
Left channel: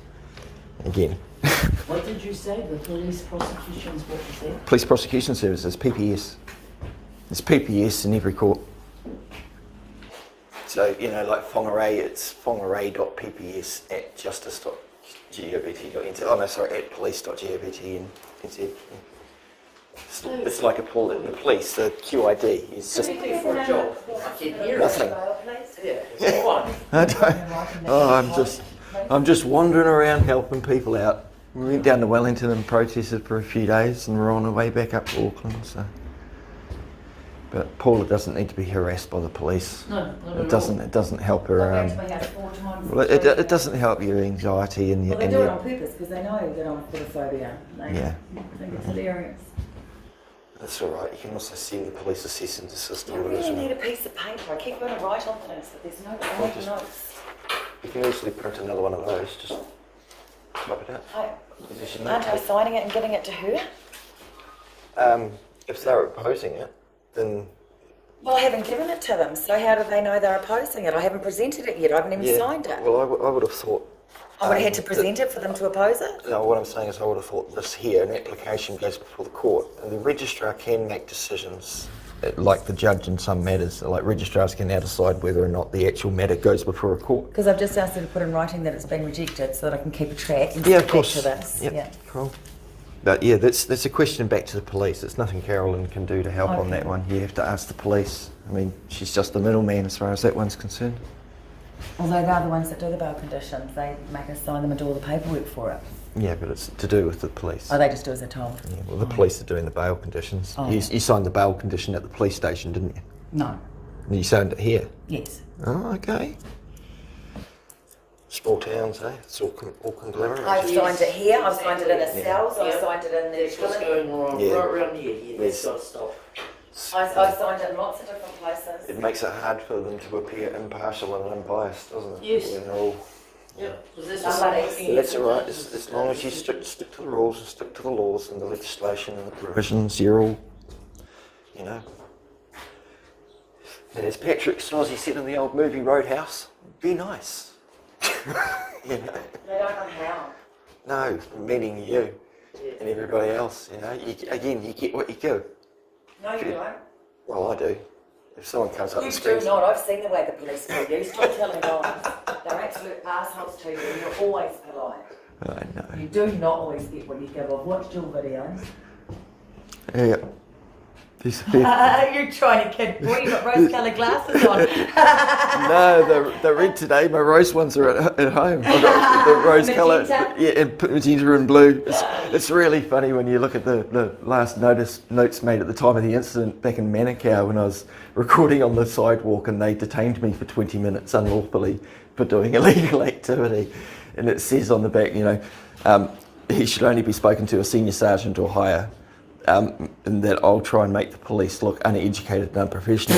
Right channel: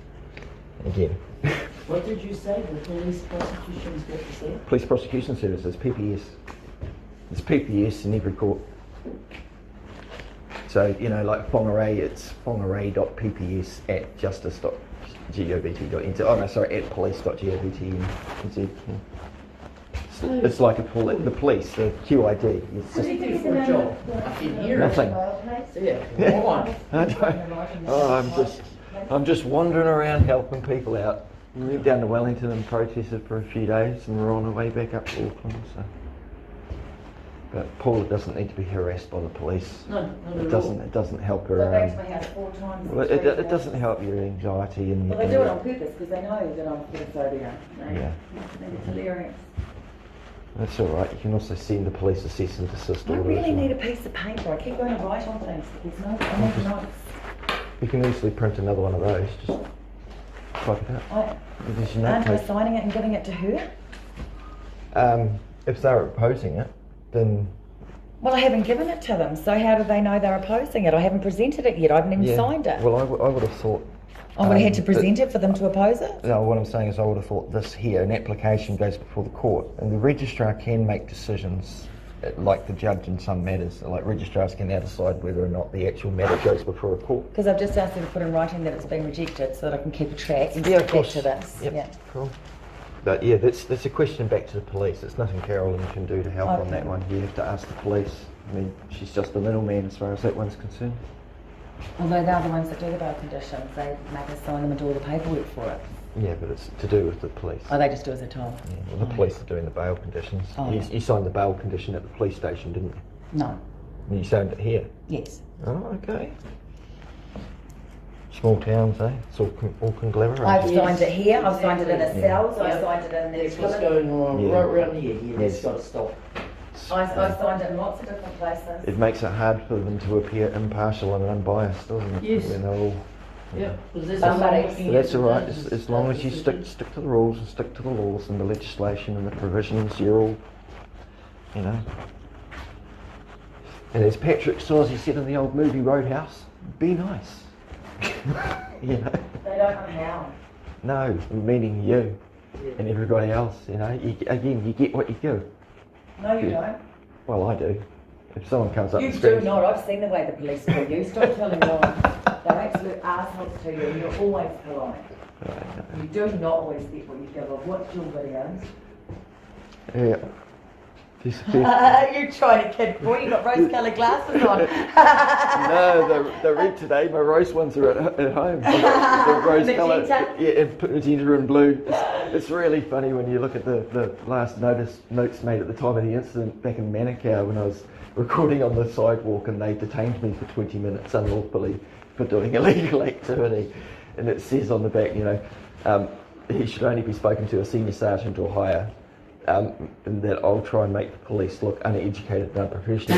again, What did you say? The police prosecutions, what was that? police prosecution services, PPS. There's PPS in every court. So you know, like Whangarei, it's whangarei.pps@justice.govt.nz. Oh no, sorry, at police.govt.nz. It's like the police, the QID. It's What just do you do for a job? I can hear nothing. it. Yeah. Hold on. I don't. Oh, I'm just wandering around helping people out. We went down to Wellington and protested for a few days, and we're on our way back up to Auckland. So, but Paula doesn't need to be harassed by the police. No, not It at doesn't. all. It doesn't help her. Go back to my house 4 times. Well, it doesn't help your anxiety and Well, your. they do it on purpose because they know that I'm photophobia. Yeah. I think it's hilarious. That's all right. You can also send the police a cease and desist I order as really need well. a piece of paper. I keep going to write on things, but there's no. I need notes. You can easily print another one of those. Just type it out. There's your Aren't I notepad. signing it and giving it to her? If they're opposing it, then Well, I haven't given it to them, so how do they know they're opposing it? I haven't presented it yet. I haven't even yeah. signed it. Well, I would have thought. I would have had to that- present it for them to oppose it. No, what I'm saying is I would have thought this here, an application goes before the court, and the registrar can make decisions, like the judge in some matters. Like registrars can now decide whether or not the actual matter goes before a court. Because I've just asked her to put in writing that it's been rejected so that I can keep a track and Yeah, stick of course. back to this. Yep, Yeah. cool. But yeah, that's a question back to the police. There's nothing Carolyn can do to help on Okay. that one. You have to ask the police. I mean, she's just the middleman as far as that one's concerned. Although they're the ones that do the bail conditions, they make us sign them and do all the paperwork for it. Yeah, but it's to do with the police. Oh, they just do as they're told? Yeah, well, the police are doing the bail conditions. Oh. You signed the bail condition at the police station, didn't you? No. You signed it here? Yes. Oh, okay. Small towns, eh? It's all conglomerate. I've signed it here, I've signed it in a Exactly. cells, I've Yeah. signed it in That's what's the... going on Yeah. right around here. Yeah, that's Yes. got to stop. I've signed it in lots of different places. It makes it hard for them to appear impartial and unbiased, doesn't it? Yes. You know, Yep. Because Somebody's- but that's all right. As long as you stick to the rules and stick to the laws and the legislation and the provisions, you're all, you know. And as Patrick Swayze said in the old movie Roadhouse, be nice. You know. They don't know how. No, meaning you and everybody else. You know. You get what you give. No, you don't. Well, I do. If someone comes up You and do screams, not. I've seen the way the police do you. Stop telling lies. They're absolute assholes to you and you're always polite. I know. You do not always get what you give. I've watched your videos. Yeah. These You're trying to kid. Boy, you've got rose-coloured glasses on. No, they're red today. My rose ones are at home. The rose colour, Magenta? yeah, and magenta and blue. It's really funny when you look at the last notes made at the time of the incident back in Manukau when I was recording on the sidewalk and they detained me for 20 minutes unlawfully for doing illegal activity. And it says on the back, you know, he should only be spoken to a senior sergeant or higher. And that I'll try and make the police look uneducated and unprofessional.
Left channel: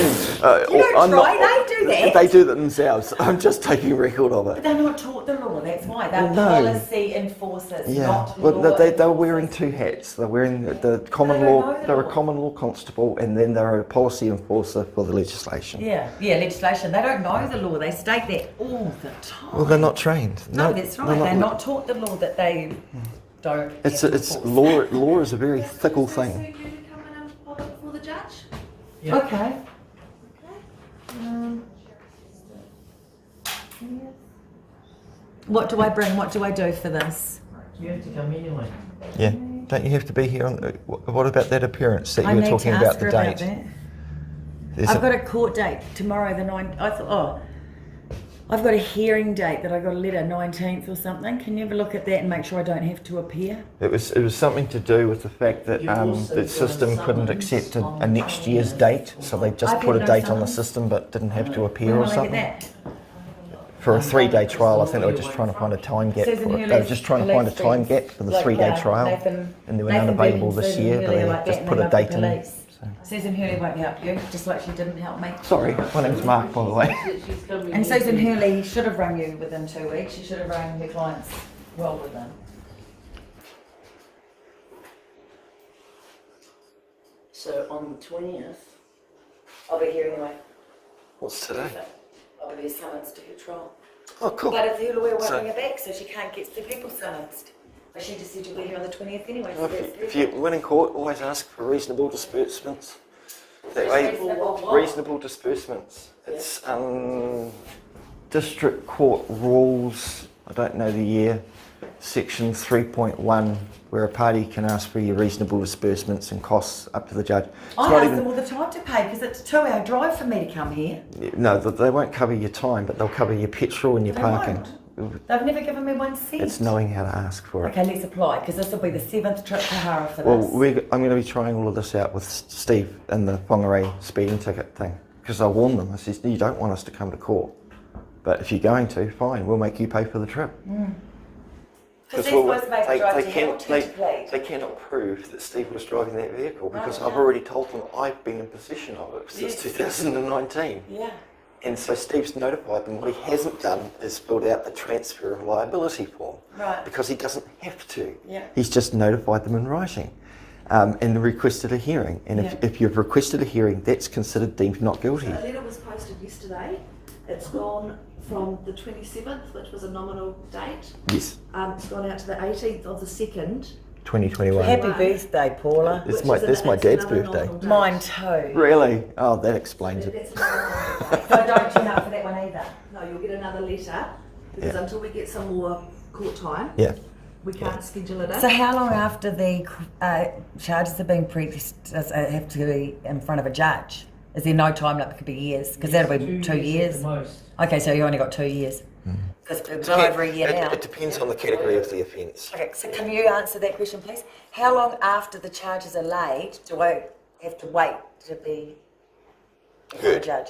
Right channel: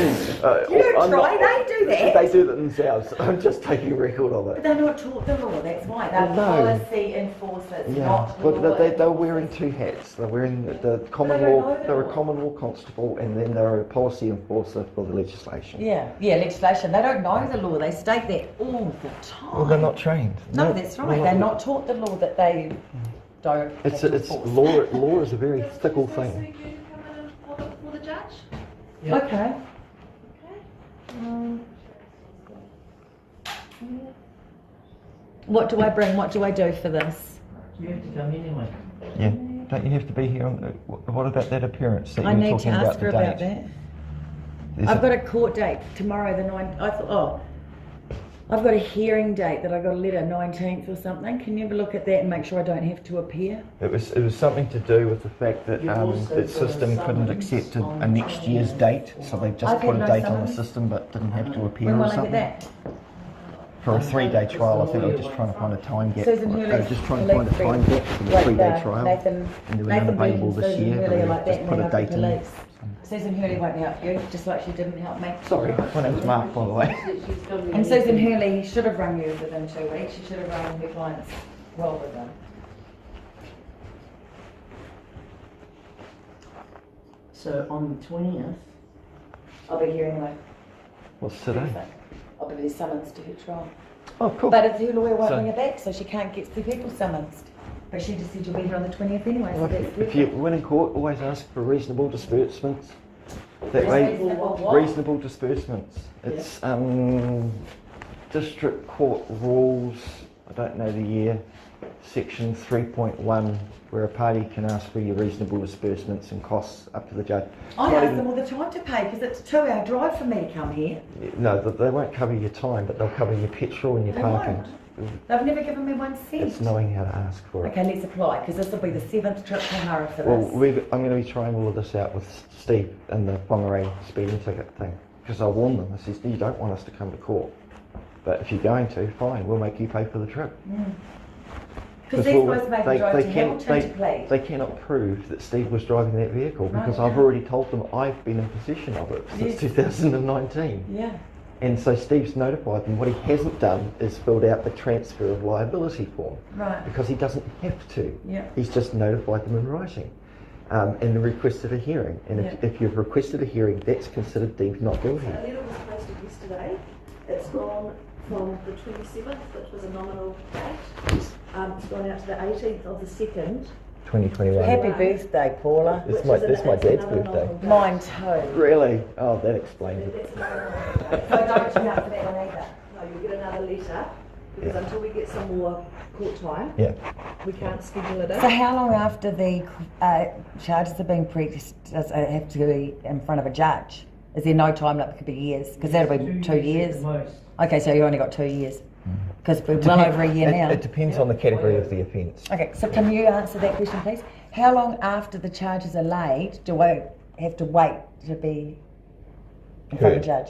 You don't try, they do that. They do that themselves. I'm just taking record of But it. they're not taught the law, that's why. They're No. policy enforcers, Yeah, not law but they're wearing enforcers. two hats. They're wearing the common They don't law. know the They're law. a common law constable, and then they're a policy enforcer for the legislation. Yeah, legislation. They don't know the law. They state that all the time. Well, they're not trained. No, that's right. They're not taught the law that they don't. It's have to it's enforce. law. Law is a very fickle So thing. you can come in and hold it before the judge? Yeah. Okay. What do I bring? What do I do for this? You have to come anyway. Yeah. Don't you have to be here on? What about that appearance that I you were need to talking ask about her the about date? that. I've got a court date tomorrow, the 9th. I thought, I've got a hearing date that I got a letter 19th or something. Can you have a look at that and make sure I don't have to appear? It was something to do with the fact that You've also the got system a couldn't summons accept on a next year's date, so they just I've put had a no date on the summons. system but didn't have to appear When or will I something. get that? For a 3-day trial, I think they were just trying to find a time gap. Susan for it. Hurley's They were just trying to find a police time friend. gap for the Like, 3-day trial, Nathan, and they were Nathan unavailable Bean, this Susan year, but Hurley are they like that just and put they a love the date in. police. So. Susan Hurley won't help you, just like she didn't help me. Sorry, my name's Mark, by the way. She's coming And here Susan to- Hurley should have rung you within 2 weeks. She should have rung her clients well within. So on the 20th, I'll be here anyway. What's today? I'll be summons to her trial. Oh, cool. But if her lawyer won't So- bring her back, so she can't get the people summoned. But she just said you'll be here on the 20th anyway, so that's If you win in court, always ask for reasonable disbursements. That way, Reasonable what? reasonable disbursements. It's district court rules. I don't know the year. Section 3.1, where a party can ask for your reasonable disbursements and costs up to the judge. It's I not ask even- them all the time to pay because it's a 2-hour drive for me to come here. No, they won't cover your time, but they'll cover your petrol and your They parking. They've never given me 1 cent. It's knowing how to ask for it. Okay, let's apply because this will be the 7th trip to Hara for Well, this. I'm going to be trying all of this out with Steve and the Whangarei speeding ticket thing. Because I warned them, I said, you don't want us to come to court. But if you're going to, fine, we'll make you pay for the trip. Because they're supposed to make me drive to Hamilton to plead. they cannot prove that Steve was driving that vehicle No, because they I've can't. already told them I've been in possession of it since Yes. 2019. Yeah. And so Steve's notified them. What he hasn't done is filled out the transfer of liability form. Right. Because he doesn't have to. Yeah. He's just notified them in writing and requested a hearing. And Yeah. if you've requested a hearing, that's considered deemed not guilty. A letter was posted yesterday. It's gone from the 27th, which was a nominal date. Yes, It's gone out to the 18th of the 2nd. 2021. Happy birthday, Paula. It's which my- is that's my it's dad's another birthday. nominal date. Mine too. Really? Oh, that explains it. That's another nominal date. So I don't turn up for that one either. No, you'll get another letter because Yeah. until we get some more court time, Yeah. we can't schedule it in. So how long after the charges have been pressed does it have to be in front of a judge? Is there no time limit? It could be years, because that'll be 2 years. at the most. Okay, so you only got 2 years. Because we're well over a year now. It depends on the category of the offence. Okay, so can you answer that question, please? How long after the charges are laid do I have to wait to be in front of a Heard. judge?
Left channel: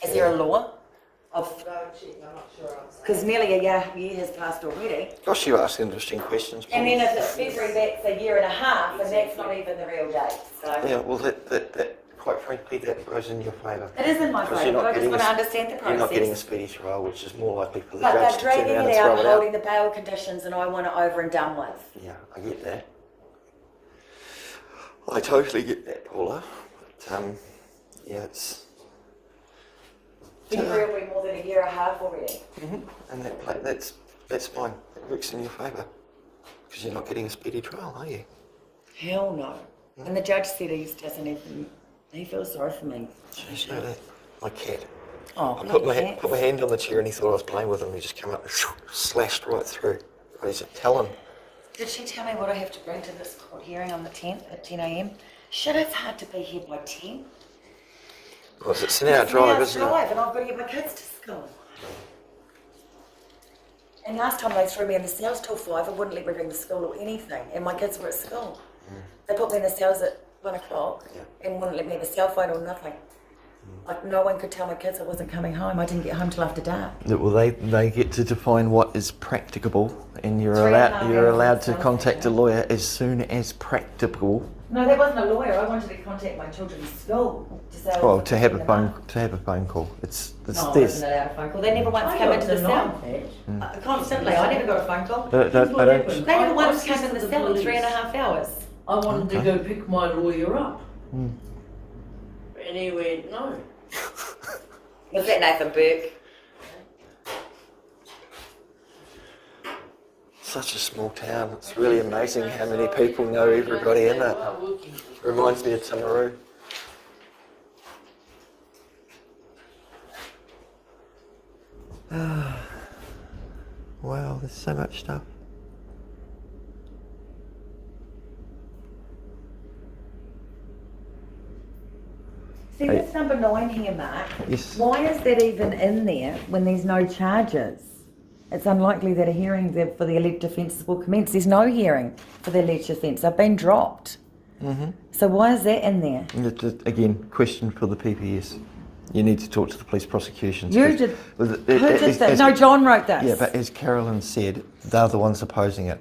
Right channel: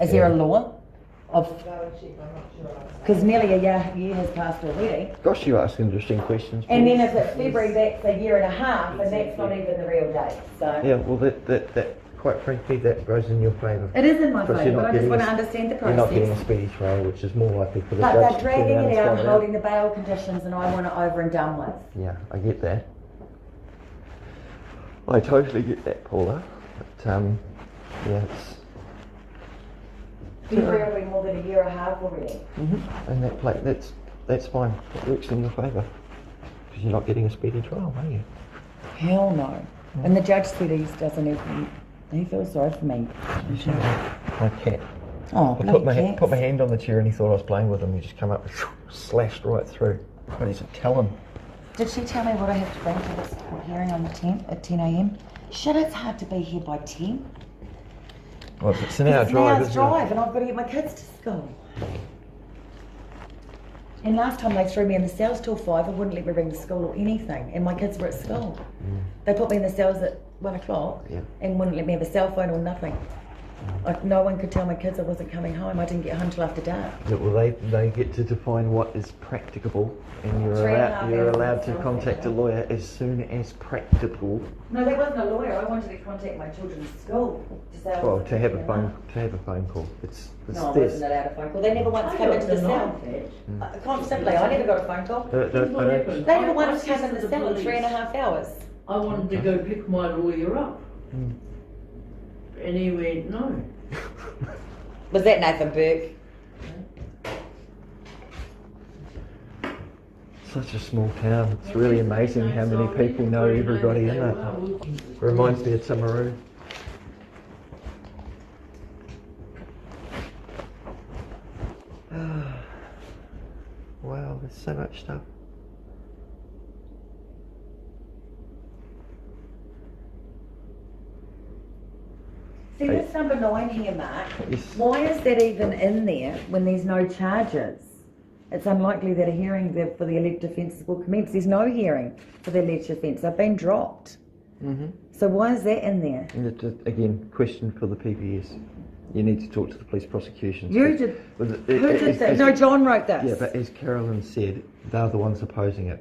Is there a law of? Because nearly a year has passed already. Gosh, you ask interesting questions. And Paul. then if it's February, that's a year and a half, and that's not even the real date. So Yeah, well, that quite frankly, that goes in your favour. it is in my Because favour, you're but not I just getting want to a- understand the You're process. not getting a speedy trial, which is more likely for the But judge they're to turn dragging around it and out throw and it holding the bail conditions, and I want it over and done with. Yeah, I get that. I totally get that, Paula. But yeah, it's February will be more than a year and a half already. and that's fine. It works in your favour because you're not getting a speedy trial, are you? Hell no. And the judge said he doesn't even. He feels sorry for me. Jeez, my cat. Oh, I bloody put my cats. hand on the chair and he thought I was playing with him. He just come up and slashed right through. What is it, Talon? Did she tell me what I have to bring to this court hearing on the 10th at 10 a.m? Shit, it's hard to be here by 10. Oh, it's an hour It's an drive, hour's isn't it? drive, and I've got to get my kids to school. And last time they threw me in the cells till 5, I wouldn't let me ring the school or anything, and my kids were at school. They put me in the cells at 1 o'clock Yeah. and wouldn't let me have a cell phone or nothing. Like, no one could tell my kids I wasn't coming home. I didn't get home till after dark. Well, they get to define what is practicable, and you're 3.5 you're hours allowed is to fine. contact a lawyer as soon as practicable. No, that wasn't a lawyer. I wanted to contact my children's school to say I Oh, wasn't to have picking a them phone call. It's No, I this. wasn't allowed a phone call. They never once I come got into the denied cell. that. Constantly. I never got a phone call. Don't- What don't- happened? They never I once said came in to the cell in police, 3.5 hours. I wanted to go pick my lawyer up. Mm. And he went, no. Was that Nathan Burke? Such a small town. It's really amazing how many people know everybody in it. Reminds me of Timaru. Wow, there's so much stuff. See, this number 9 here, Mark. Yes. Why is that even in there when there's no charges? It's unlikely that a hearing for the alleged offences will commence. There's no hearing for the alleged offence. They've been dropped. So why is that in there? Again, question for the PPS. You need to talk to the police prosecutions. You 'cause- did. Well, Who did that? No, John wrote this. Yeah, but as Carolyn said, they're the ones opposing it.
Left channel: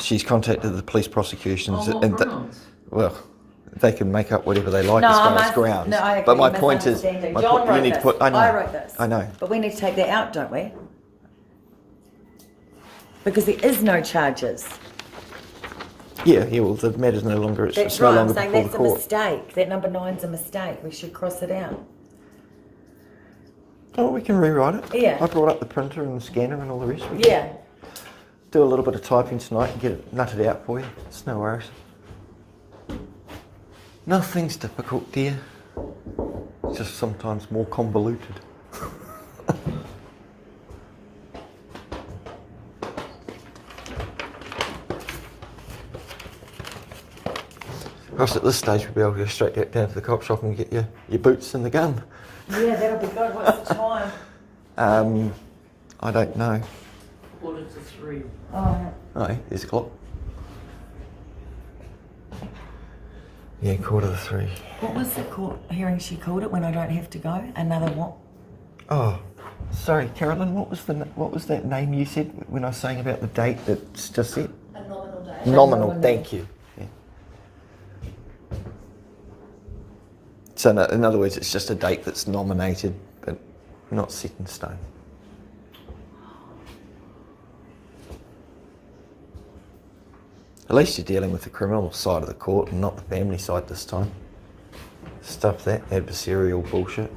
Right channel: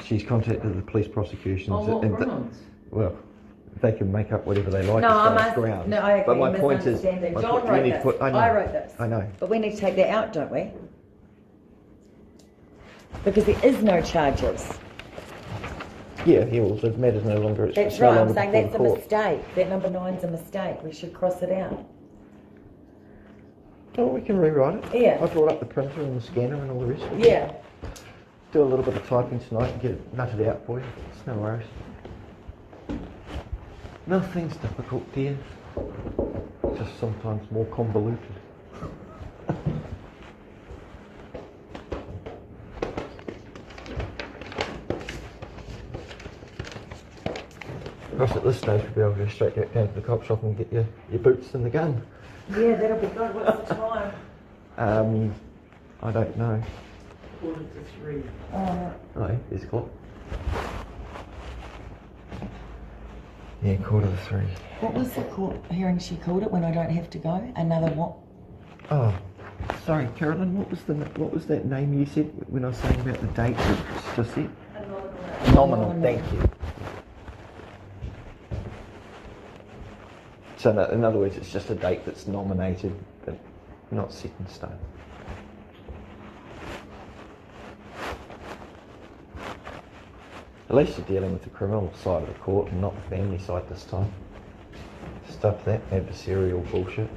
She's contacted the police prosecutions, On what and grounds? well, they can make up whatever they like No, as far I'm as grounds. No, I agree. But my point is, misunderstanding. my John point- you wrote need to this. put- I know. I wrote this. I know. But we need to take that out, don't we? Because there is no charges. Yeah, well, the matter's no longer. That's it's no right. I'm longer saying before that's a the court. mistake. That number 9's a mistake. We should cross it out. Oh, we can rewrite it. Yeah. I brought up the printer and the scanner and all the rest. We can Yeah. do a little bit of typing tonight and get it nutted out for you. It's no worries. Nothing's difficult, dear. Just sometimes more convoluted. Perhaps at this stage we'll be able to go straight down to the cop shop and get your boots and the gun. Yeah, that'll be good. What's the time? I don't know. 2:45. Oh, Oh, there's a clock. Yeah, 2:45. what was the court hearing she called it when I don't have to go? Another what? Oh, sorry, Carolyn. What was that name you said when I was saying about the date that's just set? A nominal date. Nominal. Nominal. Thank you. Yeah. So in other words, it's just a date that's nominated, but not set in stone. At least you're dealing with the criminal side of the court and not the family side this time. Stuff that adversarial bullshit.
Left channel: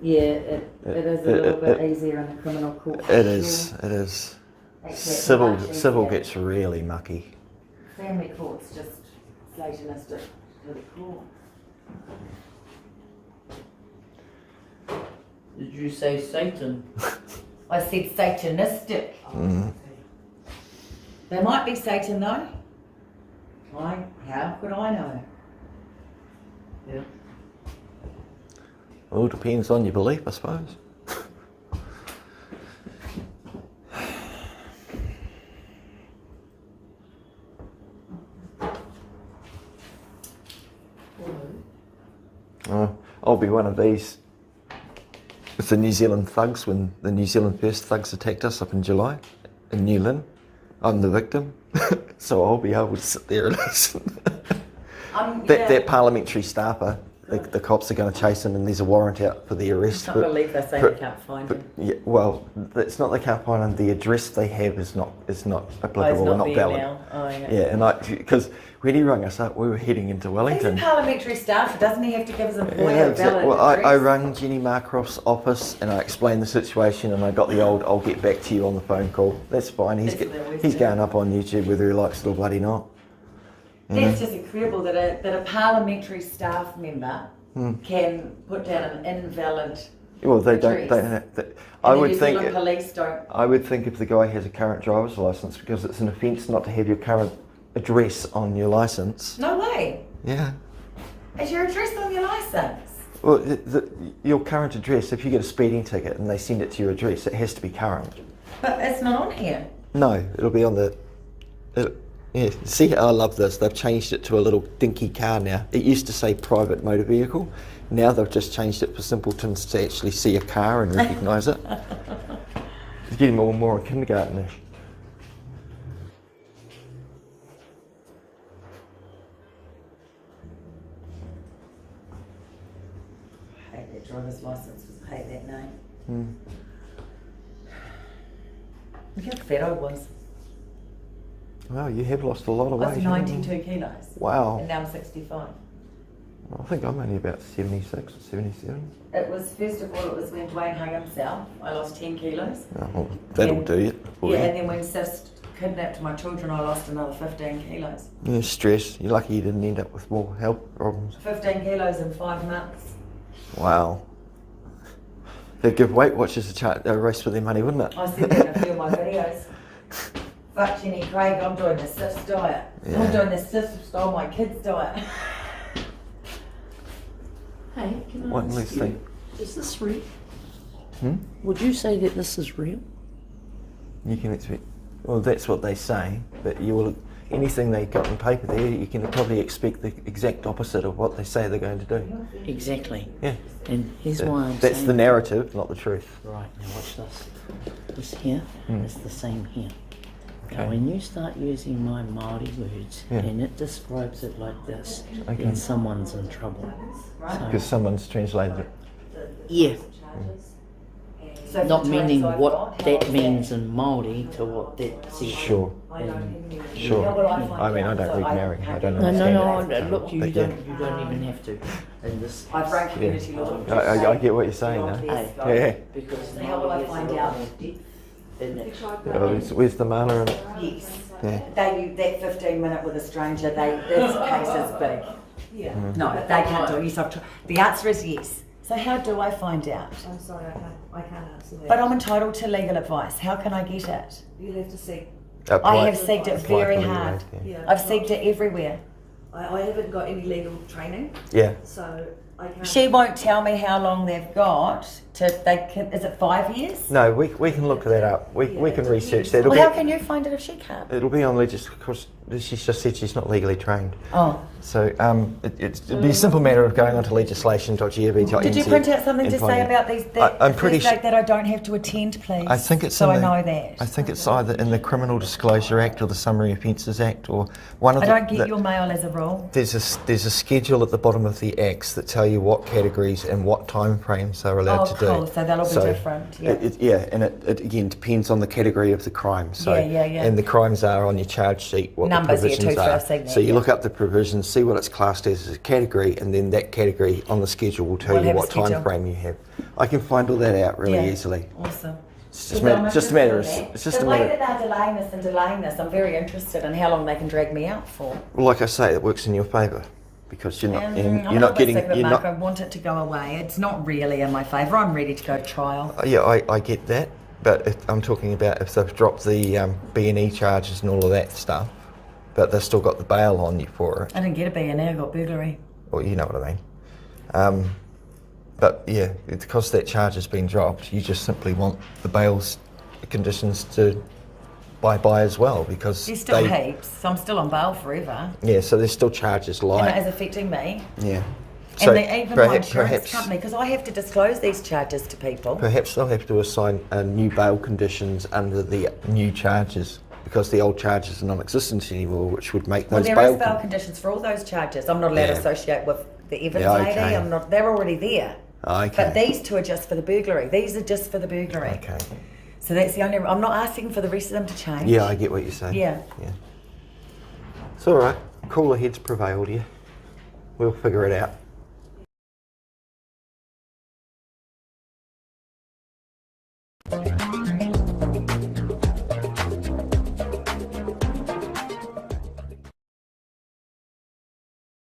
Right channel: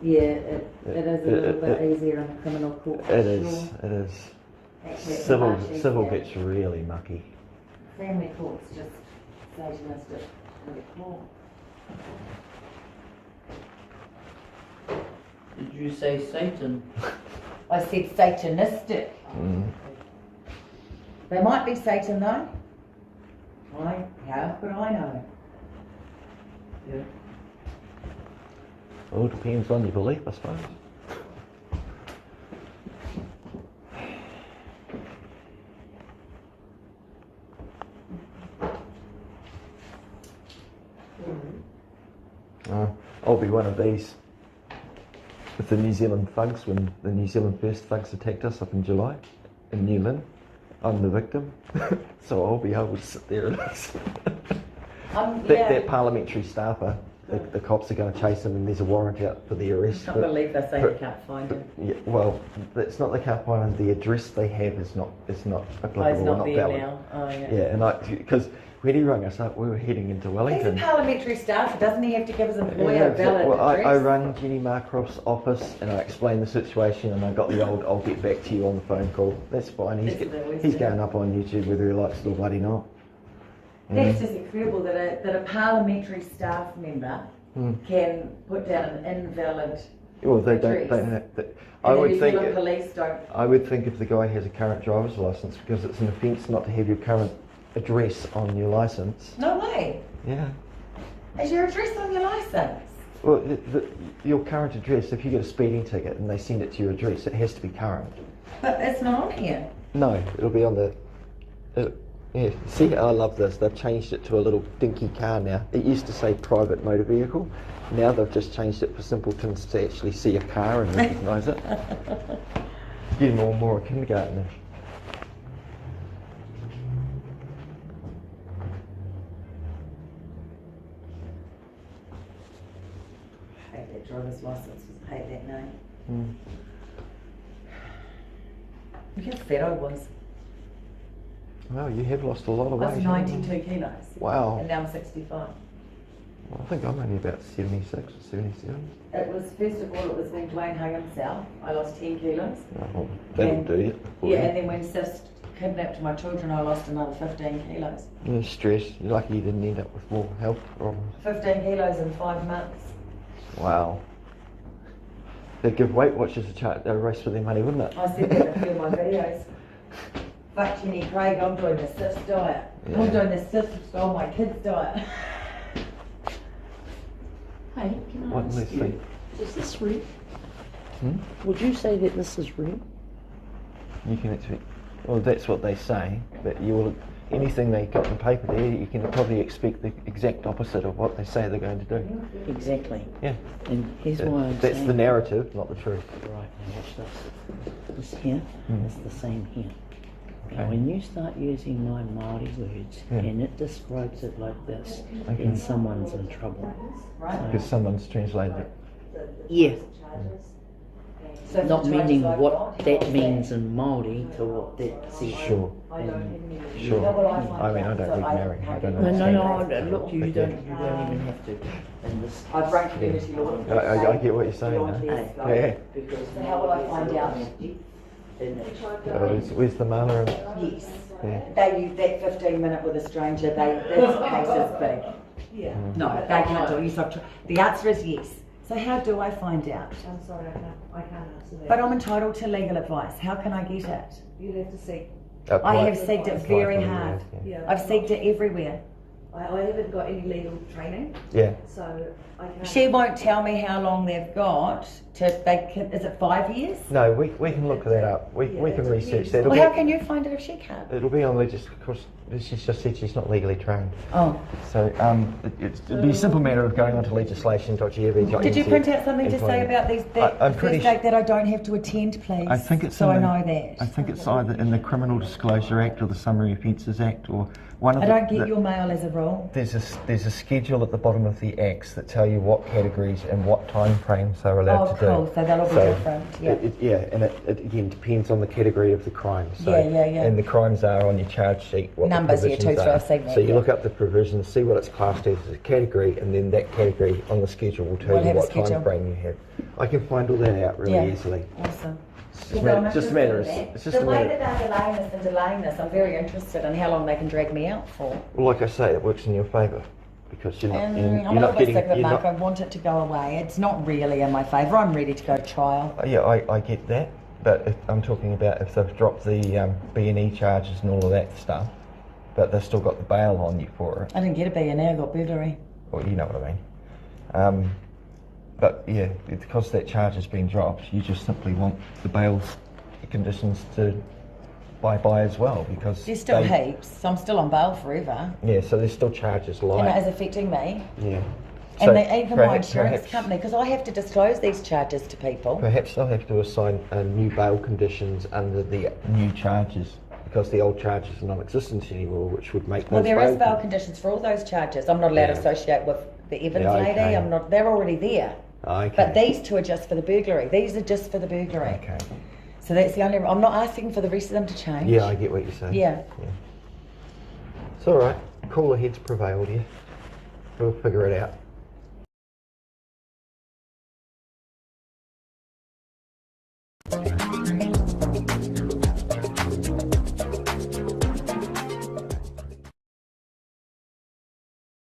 Yeah, it is a little bit it- easier in the criminal court. It is. It is. Civil gets really mucky. Family court's just Satanistic to the core. Did you say Satan? I said Satanistic. Mm. They might be Satan though. How could I know? Yeah. Well, it depends on your belief, I suppose. Oh, I'll be one of these. With the New Zealand thugs, when the New Zealand first thugs attacked us up in July in New Lynn, I'm the victim. So I'll be able to sit there and listen. That parliamentary staffer, the cops are going to chase him and there's a warrant out for the arrest. I can't believe they're saying they can't find him. Yeah, well, it's not they can't find him, the address they have is not applicable, Oh, he's not not there valid. now. Oh, yeah. Yeah, and because when he rang us up, we were heading into He's a Wellington. parliamentary staffer, doesn't he have to give his employer a valid Well, I address? rang Jenny Marcroft's office and I explained the situation and I got the old "I'll get back to you" on the phone call. That's fine. He's going up on YouTube whether he likes it or bloody not. You know? That's just incredible that a parliamentary staff member can put down an invalid Well, they don't. address. I and the would New think. Zealand police don't. I would think if the guy has a current driver's license, because it's an offence not to have your current address on your license. No way. Yeah. Is your address on your licence? Well, your current address. If you get a speeding ticket and they send it to your address, it has to be current. But it's not on here. No, it'll be on the. Yeah, see, I love this. They've changed it to a little dinky car now. It used to say private motor vehicle. Now they've just changed it for simpletons to actually see a car and recognise it. It's getting more and more kindergartenish. I hate that driver's licence. I hate that name. Look how fat I was. Well, you have lost a lot of I weight. was 92 kilos. Wow. And now I'm 65. I think I'm only about 76 or 77. It was, first of all, it was when Dwayne hung himself. I lost 10 kilos. Oh, well, that'll And- do you. Yeah, and then when Sis kidnapped my children, I lost another 15 kilos. Yeah, stress. You're lucky you didn't end up with more health problems. 15 kilos in 5 months. Wow. They'd give Weight Watchers a race for their money, wouldn't it? I said that in a few of my videos. Fuck Jenny Craig, I'm doing the Sis diet. Yeah. I'm doing the Sis stole my kids diet. Hey, can I What ask makes you, think? is this real? Hmm? Would you say that this is real? You can expect. Well, that's what they say, but you will. Anything they got on paper there, you can probably expect the exact opposite of what they say they're going to do. Exactly. Yeah. And here's why I'm That's saying. the narrative, not the truth. Right, now watch this. This here is the same here. Now Okay. when you start using my Māori words Yeah. and it describes it like this, Okay. then someone's in trouble. So, Because someone's translated it. yeah, So for not the meaning traits I've what got, how that is means in Māori to what that says. Sure. Sure. How will I find I mean, I out? don't So read Maori. I don't No, understand no, it. no, look, you But don't yeah. even have to. In this I've run community Yeah. law. I get what you're saying now. Yeah. because So how will I find out? in it. Yeah, but where's the mana in it? Yes. Yeah. They use that 15-minute with a stranger, this case is big. Yeah. No, they can't do it. Yes, I've tried. The answer is yes. So how do I find out? I'm sorry, I can't answer that. But I'm entitled to legal advice. How can I get it? You'll have to see. I have seeked it very hard. Yeah. I've seeked it everywhere. I haven't got any legal training, Yeah. so I can't. She won't tell me how long they've got to, is it 5 years? No, we can look that up. We can research that. Well, how can you find it if she can't? It'll be on legislation, because she's just said she's not legally trained. Oh. So it'd be a simple matter of going onto legislation.gov.nz. Did you print out something to and say finding- about these, I'm the pretty first date that I don't have to attend, please? I think it's so in I the- know that. I think it's either in the Criminal Disclosure Act or the Summary Offences Act, or one of I the. don't get your mail as a rule. There's a schedule at the bottom of the acts that tell you what categories and what time frames they're allowed to do. Oh, cool. So that'll be different. Yeah. And it again depends on the category of the crime. So, Yeah. And the crimes are on your charge sheet. What Numbers, the yeah, provisions too, so are. I've seen that, So you yeah. look up the provisions, see what it's classed as a category, and then that category on the schedule will tell We'll you have a what time schedule. frame you have. I can find all that out really Yeah. easily. Awesome. It's just a matter. It's just the a way matter. that they're delaying this, I'm very interested in how long they can drag me out for. Well, like I say, it works in your favour because you're not I'm you're a not little getting. bit sick of it, You're Mark. I not, want it to go away. It's not really in my favour. I'm ready to go to trial. yeah, I get that, but I'm talking about if they've dropped the B&E charges and all of that stuff, but they've still got the bail on you for it. I didn't get a B&A, I got burglary. Well, you know what I mean. But yeah, because that charge has been dropped, you just simply want the bail's conditions to bye as well, because There's still heaps, so I'm still on bail forever. Yeah, so there's still charges And it like is affecting me. yeah. So even my perhaps- insurance company, because I have to disclose these charges to people. Perhaps they'll have to assign new bail conditions under the new charges, because the old charges are non-existent anymore, which would make Well, those there is bail conditions for all those charges. I'm not allowed to Yeah. associate with the Evans Yeah, lady. okay. I'm not. They're already there. Okay. But these two are just for the burglary. These are just for the burglary. Okay. So that's the only. I'm not asking for the rest of them to change. Yeah, I get what you're saying. Yeah. Yeah. It's all right. Cooler heads prevailed here. We'll figure it out.